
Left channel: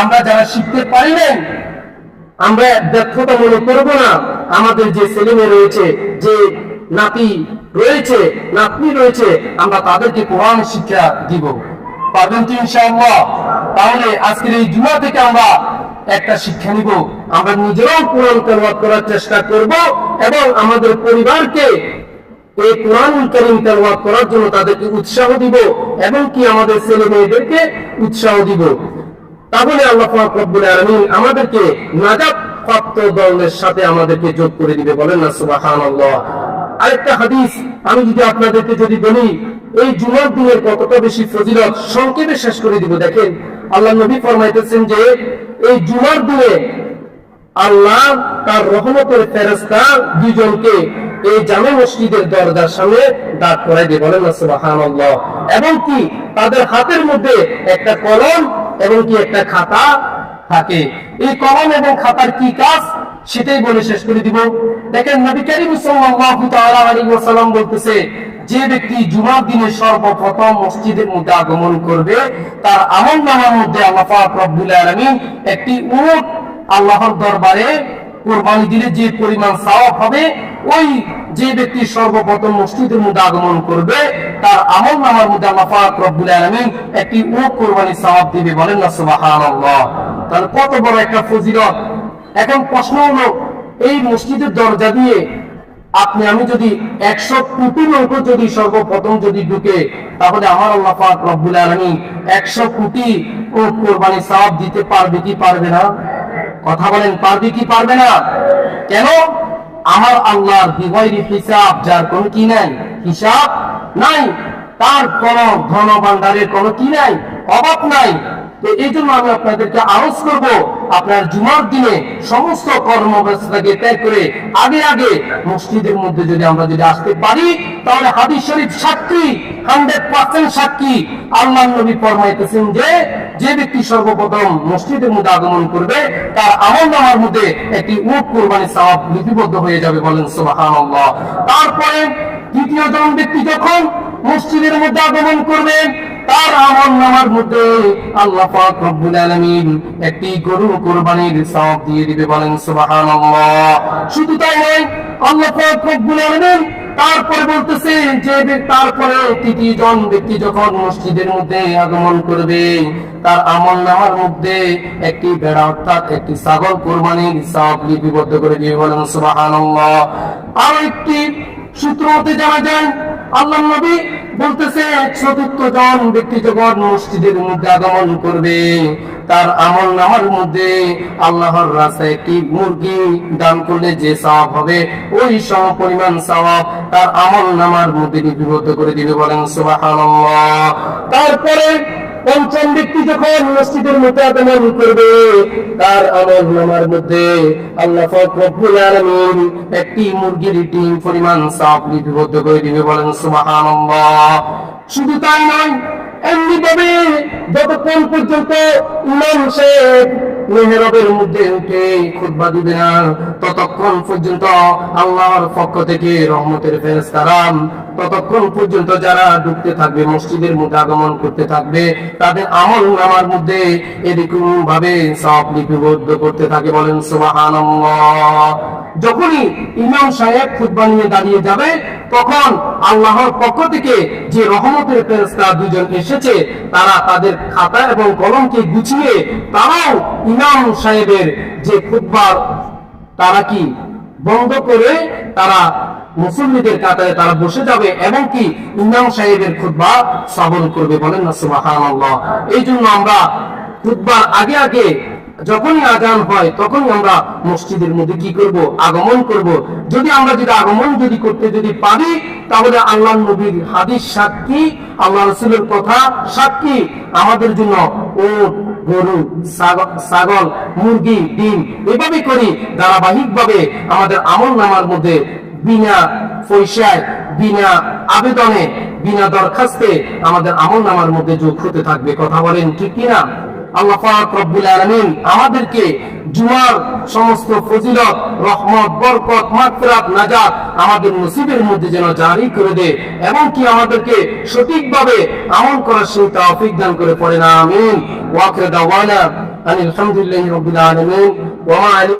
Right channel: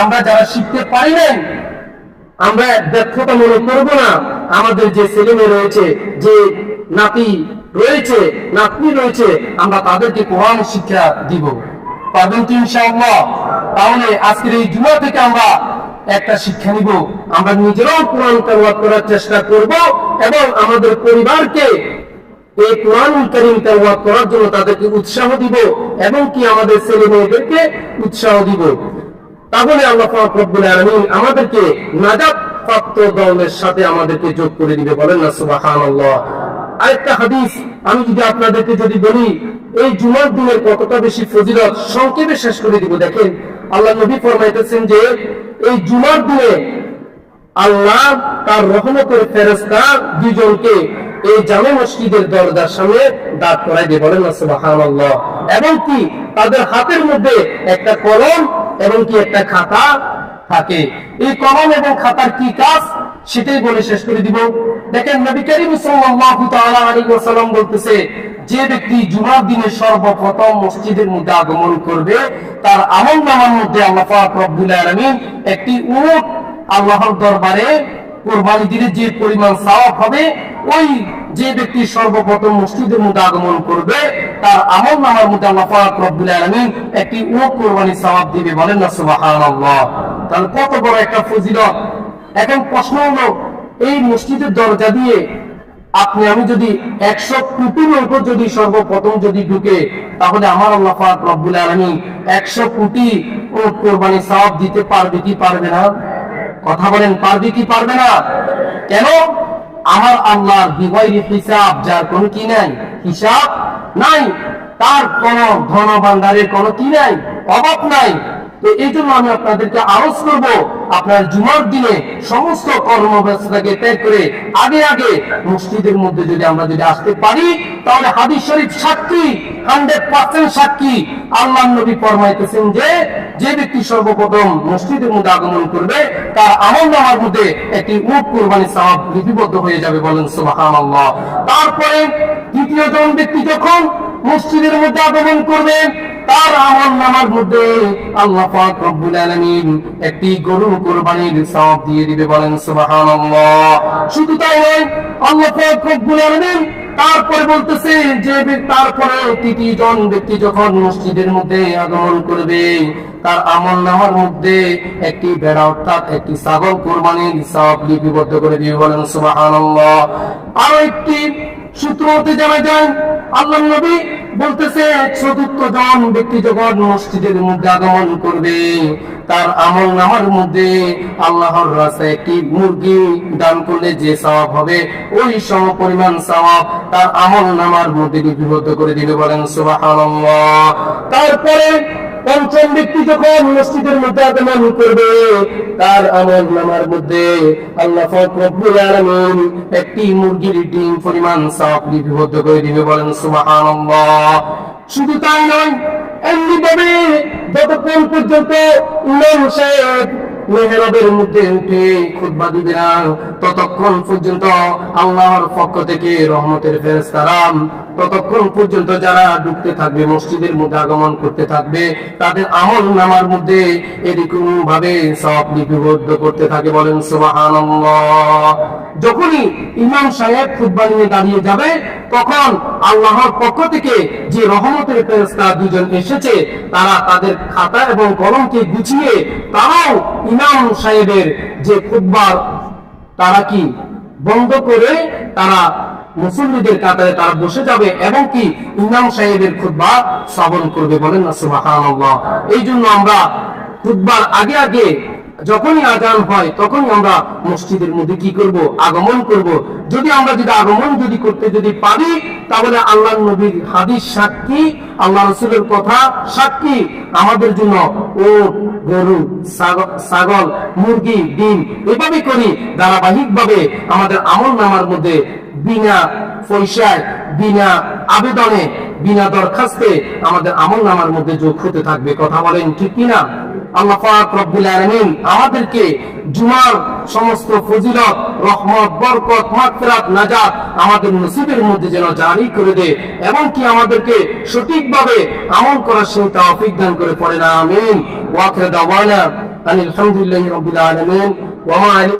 আমরা যারা শিখতে পারি না, আমরা ব্যর্থতা মনে করব না। আমাদের যে ছেলে মেয়ে রয়েছে, যে নাতি রয়েছে, নাতনি রয়েছে, আমরা তাদেরকে কোরআন শিক্ষা দিব। পারবেন তো ইনশাআল্লাহ? তাহলে আজকের এই জুমা থেকে আমরা একটা শিক্ষা নিব, আমরা নিজেরাও কোরআন তেলাওয়াত করার চেষ্টা করব এবং আমাদের পরিবারকে এই কোরআনুল কারীম তেলাওয়াত করার জন্য তাদেরকে উৎসাহ দিব এবং কি আমাদের ছেলে মেয়েদেরকে উৎসাহ দিব। তাহলে আল্লাহ পাক রব্বুল আলামিন আমাদেরকে নাজাত প্রাপ্ত দলের সাথে আমাদেরকে যোগ করে দিবে। বলেন না সুবহানাল্লাহ। আরেকটা হাদিস আমি যদি আপনাদেরকে বলি, এই জুমার দিনের কতটা বেশি ফজিলত, সংক্ষেপে শেষ করে দিব। দেখেন, আল্লাহ নবী ফরমাইতেছেন যে এই জুমার দিনে আল্লাহ তার রহমতের ফেরেশতা দুইজনকে এই জামে মসজিদের দরজার সামনে দাঁড় করাই দিয়ে। বলেন না সুবহানাল্লাহ। এবং কি তাদের হাতের মধ্যে একটা কলম এবং কি একটা খাতা থাকে। এই কলম এবং খাতার কি কাজ সেটাই বলে শেষ করে দিব। দেখেন, নবী করিম সাল্লাল্লাহু তাআলা আলাইহি ওয়াসাল্লাম বলতেছে, যে ব্যক্তি জুমার দিনে সর্বপ্রথম মসজিদের মধ্যে আগমন করবে, তার আমলনামার মধ্যে আল্লাহ পাক রব্বুল আলামিন একটি উট আল্লাহর দরবারে কুরবানি দিলে যে পরিমাণ সওয়াব হবে, ওই যে ব্যক্তি সর্বপ্রথম মসজিদের মধ্যে আগমন করবে তার আমলনামার মধ্যে আল্লাহ পাক রব্বুল আলামিন একটি উট কুরবানি সওয়াব দিবে। বলেন না সুবহানাল্লাহ। তাহলে কত বড় একটা ফজিলত। এখন প্রশ্ন হলো, এই মসজিদের দরজা দিয়ে আমি যদি 100 কোটি লোক যদি সর্বপ্রথম ঢুকে, তাহলে আমার আল্লাহ পাক রব্বুল আলামিন 100 কোটি উট কুরবানি সওয়াব দিতে পারবে কি পারবে না? কথা বলেন, পারবে কি পারবে না? কেন? আমার আল্লাহর বিগয়রি হিসাব, যার কোনো কি নাই, হিসাব নাই, তার কোন ধন ভান্ডারের কোনো কি নাই, অভাব নাই। তো এই জন্য আমি আপনাদেরকে আরজ করব, আপনার জুমার দিনে সমস্ত কর্মব্যস্ততাকে ত্যাগ করে আগে আগে মসজিদের মধ্যে আমরা আসতে পারি, তাহলে হাদিস শরীফ সাক্ষী, 100% সাক্ষী, আল্লাহর নবী ফরমাইতেছেন যে ব্যক্তি সর্বপ্রথম মসজিদের মধ্যে আগমন করবে তার আমলনামার মধ্যে একটি উট কুরবানি সওয়াব লিপিবদ্ধ হয়ে যাবে। বলেন সুবহানাল্লাহ। তারপরে দ্বিতীয় জন ব্যক্তি যখন মসজিদের মধ্যে আগমন করবেন, তার আমলনামার মধ্যে আল্লাহ পাক রব্বুল আলামিন একটি গরু কুরবানির সওয়াব দিয়ে দিবে। বলেন সুবহানাল্লাহ। শুধু তাই নয়, আল্লাহ পাক রব্বুল আলামিন তারপরে বলতেছে তারপরে তৃতীয় জন ব্যক্তি যখন মসজিদের মধ্যে আগমন করবে, তার আমলনামার মধ্যে একটি ভেড়া অর্থাৎ একটি ছাগল কুরবানির সওয়াব লিপিবদ্ধ করে দিবে। বলেন সুবহানাল্লাহ। আরো একটি সূত্র হতে জানা যায়, আল্লাহ নবী বলতেছে, চতুর্থ জন ব্যক্তি যখন মসজিদের মধ্যে আগমন করবে, তার আমলনামার মধ্যে আল্লাহর রাস্তায় একটি মুরগি দান করলে যে সওয়াব হবে, ওই সম পরিমাণ সওয়াব তার আমলনামার মধ্যে লিপিবদ্ধ করে দিবে। বলেন সুবহানাল্লাহ। তারপরে পঞ্চম ব্যক্তি যখন মসজিদের মধ্যে আগমন করবে, তার আমলনামার মধ্যে আল্লাহ পাক রব্বুল আলামিন একটি মুরগির ডিম পরিমাণ সওয়াব লিপিবদ্ধ করে দিবে। বলেন সুবহানাল্লাহ। শুধু তাই নয়, এমনি ভাবে যতক্ষণ পর্যন্ত ইমাম সাহেব মেহরাবের মধ্যে উঠে খুতবা দিবে না, ততক্ষণ পর্যন্ত আল্লাহর পক্ষ থেকে রহমতের ফেরেশতারা ততক্ষণ পর্যন্ত যারা ঢুকতে থাকবে, মসজিদের মধ্যে আগমন করতে থাকবে, তাদের আমলনামার মধ্যে এরকম ভাবে সওয়াব লিপিবদ্ধ করতে থাকে। বলেন সুবহানাল্লাহ। যখনই ইমাম সাহেব খুতবা নিয়ে দাঁড়িয়ে যাবে, তখন আল্লাহর পক্ষ থেকে যে রহমতের ফেরেশতা দুজন এসেছে, তারা তাদের খাতা এবং কলমকে গুছিয়ে তারাও ইমাম সাহেবের যে খুতবার তারা কি বন্ধ করে তারা মুসল্লিদের কাতারে তারা বসে যাবে এবং কি ইমাম সাহেবের খুতবা শ্রবণ করবে। বলেন না সুবহানাল্লাহ। এই জন্য আমরা খুতবার আগে আগে যখনই আজান হয় তখনই আমরা মসজিদের মধ্যে কি করব? আগমন করব। যদি আমরা আগমন করতে পারি, তাহলে আল্লাহ নবীর হাদিস সাক্ষী, আল্লাহ রাসূলের কথা সাক্ষী, আমাদের জন্য ওট, গরু, ছাগল, মুরগি, ডিম এভাবে করি ধারাবাহিকভাবে আমাদের আমল নামার মধ্যে বিনা পয়সায়, বিনা আবেদনে, বিনা দরখাস্তে আমাদের আমল নামার মধ্যে যোগ হতে থাকবে। কথা বলেন ঠিক কিনা? আল্লাহ পাক রব্বুল আলামিন আমাদেরকে জুমার সমস্ত ফজিলত, রহমত, বরকত, মাগফিরাত, নাজাত আমাদের নসিবের মধ্যে যেন জারি করে দে, এবং কি আমাদেরকে সঠিকভাবে আমল করার সেই তৌফিক দান করে। পড়েন আমিন। ওয়া আখিরু দাওয়ানা আনিল হামদুলিল্লাহি রাব্বিল আলামিন। ওয়া মা